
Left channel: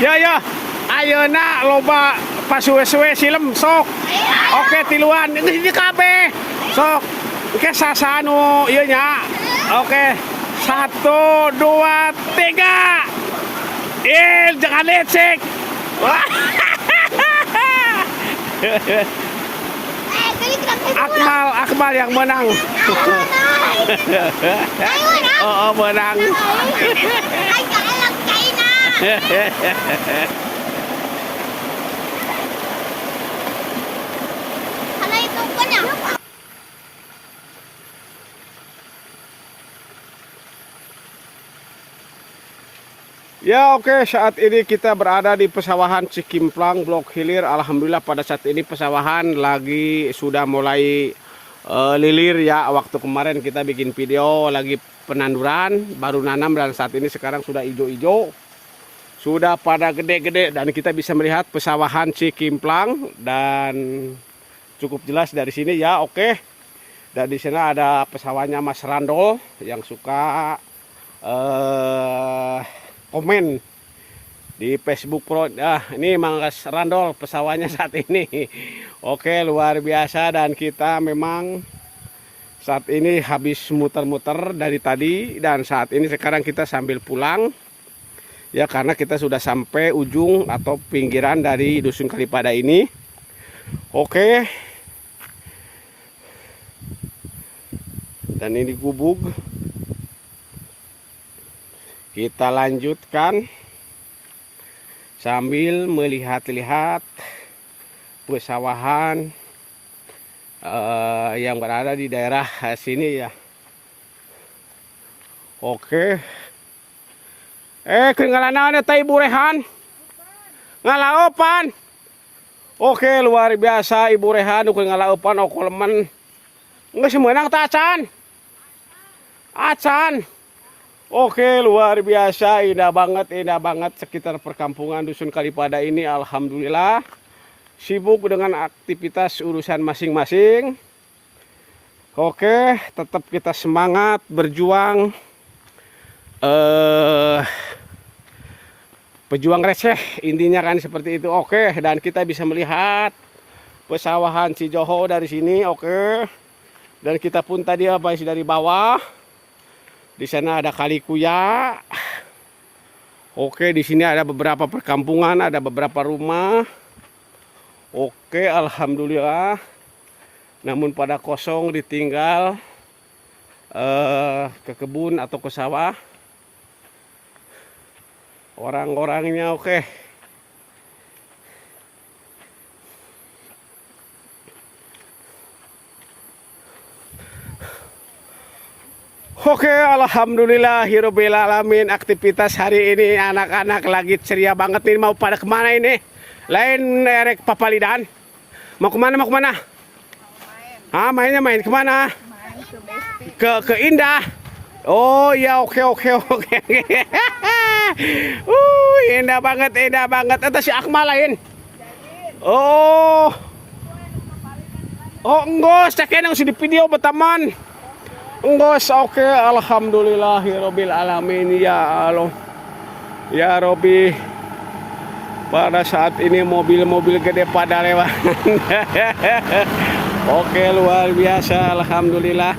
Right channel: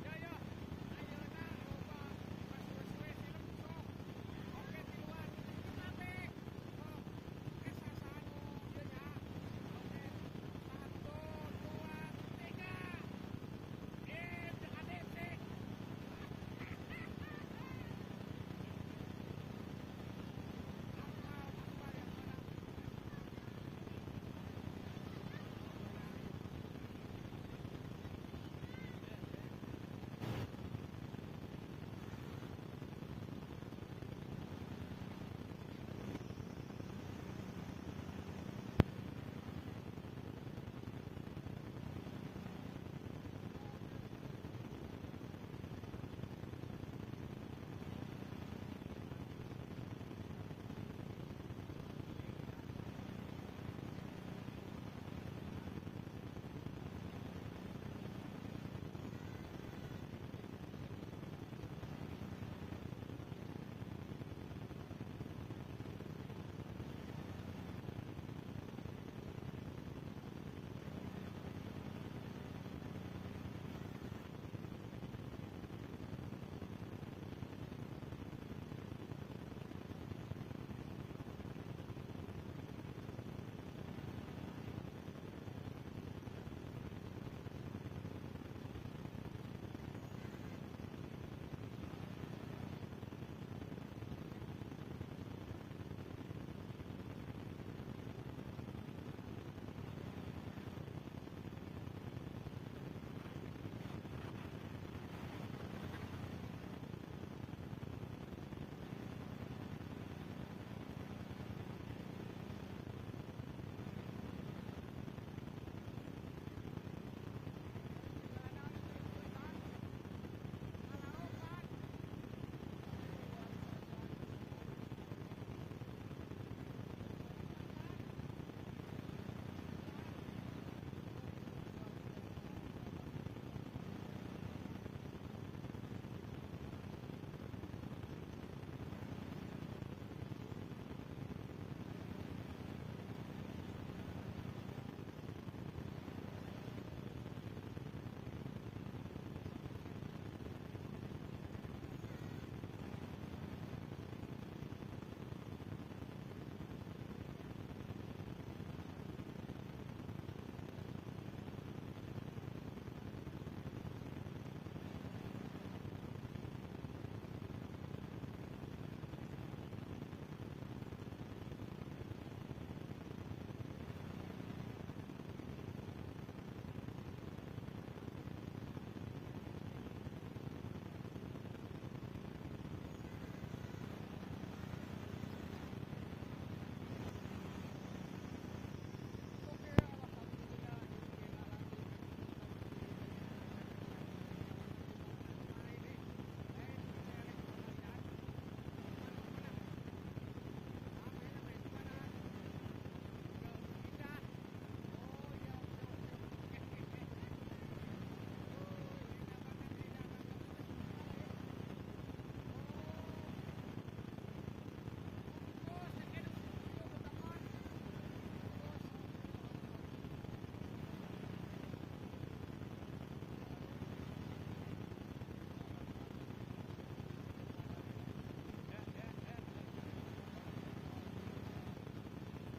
Ayo. Ya, ayeuna loba pasuwe-suwe silem sok. Oke, tiluan ini kabeh. Sok. Oke, sasanu ieu nya. Oke. 1 2 3. Jangan lecek. Wah. Akmal yang menang. Oh, menang. Ya oke, saat ini kita berada di pesawahan Cikimplang, Blok Hilir. Alhamdulillah pada saat ini pesawahan lagi sudah mulai lilir ya. Waktu kemarin kita bikin video lagi penanduran, baru nanam dan saat ini sekarang sudah hijau-hijau. Sudah pada gede-gede dan kita bisa melihat pesawahan Cikimplang dan cukup jelas dari sini ya oke. Dan di sana ada pesawahnya Mas Randol yang suka komen di Facebook Pro. Ini Mas Randol pesawahnya saat ini. Oke, luar biasa dan kita memang saat ini habis muter-muter dari tadi dan saat ini sekarang kita sambil pulang. Ya karena kita sudah sampai ujung atau pinggiran dari Dusun Kalipada ini. Oke. Dan ini gubuk. Kita lanjutkan sambil melihat-lihat pesawahan yang berada di daerah sini ya. Oke. Ketinggalan teh Ibu Rehan. Ngalaopan. Oke, luar biasa Ibu Rehan ngalaopan okolemen. Geus meunang teh acan. Acan. Oke, luar biasa, indah banget sekitar perkampungan Dusun Kalipada ini. Alhamdulillah sibuk dengan aktivitas urusan masing-masing. Oke, tetap kita semangat berjuang, pejuang receh intinya kan seperti itu. Oke, dan kita bisa melihat pesawahan Cijoho dari sini. Oke, dan kita pun tadi dari bawah. Di sana ada Kali Kuya. Oke, di sini ada beberapa perkampungan, ada beberapa rumah. Oke, alhamdulillah. Namun pada kosong ditinggal ke kebun atau ke sawah. Orang-orangnya oke. Oke, alhamdulillahirabbil alamin. Aktivitas hari ini anak-anak lagi ceria banget nih. Mau pada kemana ini? Lain erek papalidan. Mau kemana? Mau kemana? Mainnya main kemana? Ke Indah. Oh ya, oke. Indah banget. Itu si Akmal lain. Oh enggak, cekin yang di video berteman. Enggak, oke, alhamdulillahirabbil alamin ya Allah. Ya Robi. Pada saat ini mobil-mobil gede pada lewat. Oke, luar biasa, alhamdulillah.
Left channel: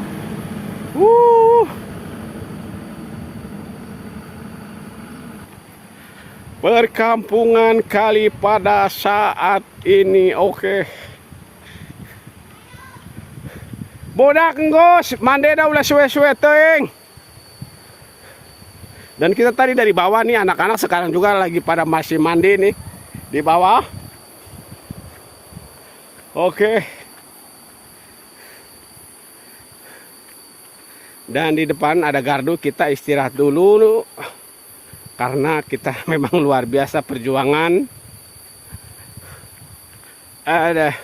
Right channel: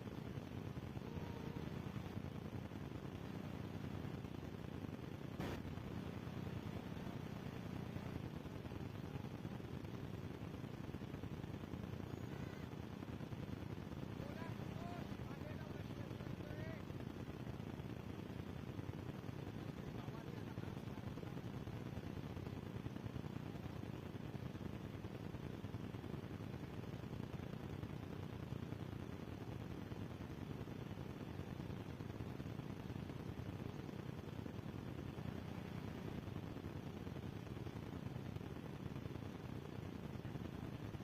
Perkampungan Kalipada saat ini oke. Bodak ngos, mandeda ulah suwe-suwe teuing. Dan kita tadi dari bawah nih, anak-anak sekarang juga lagi pada masih mandi nih di bawah. Oke. Dan di depan ada gardu, kita istirahat dulu karena kita memang luar biasa perjuangan. Ada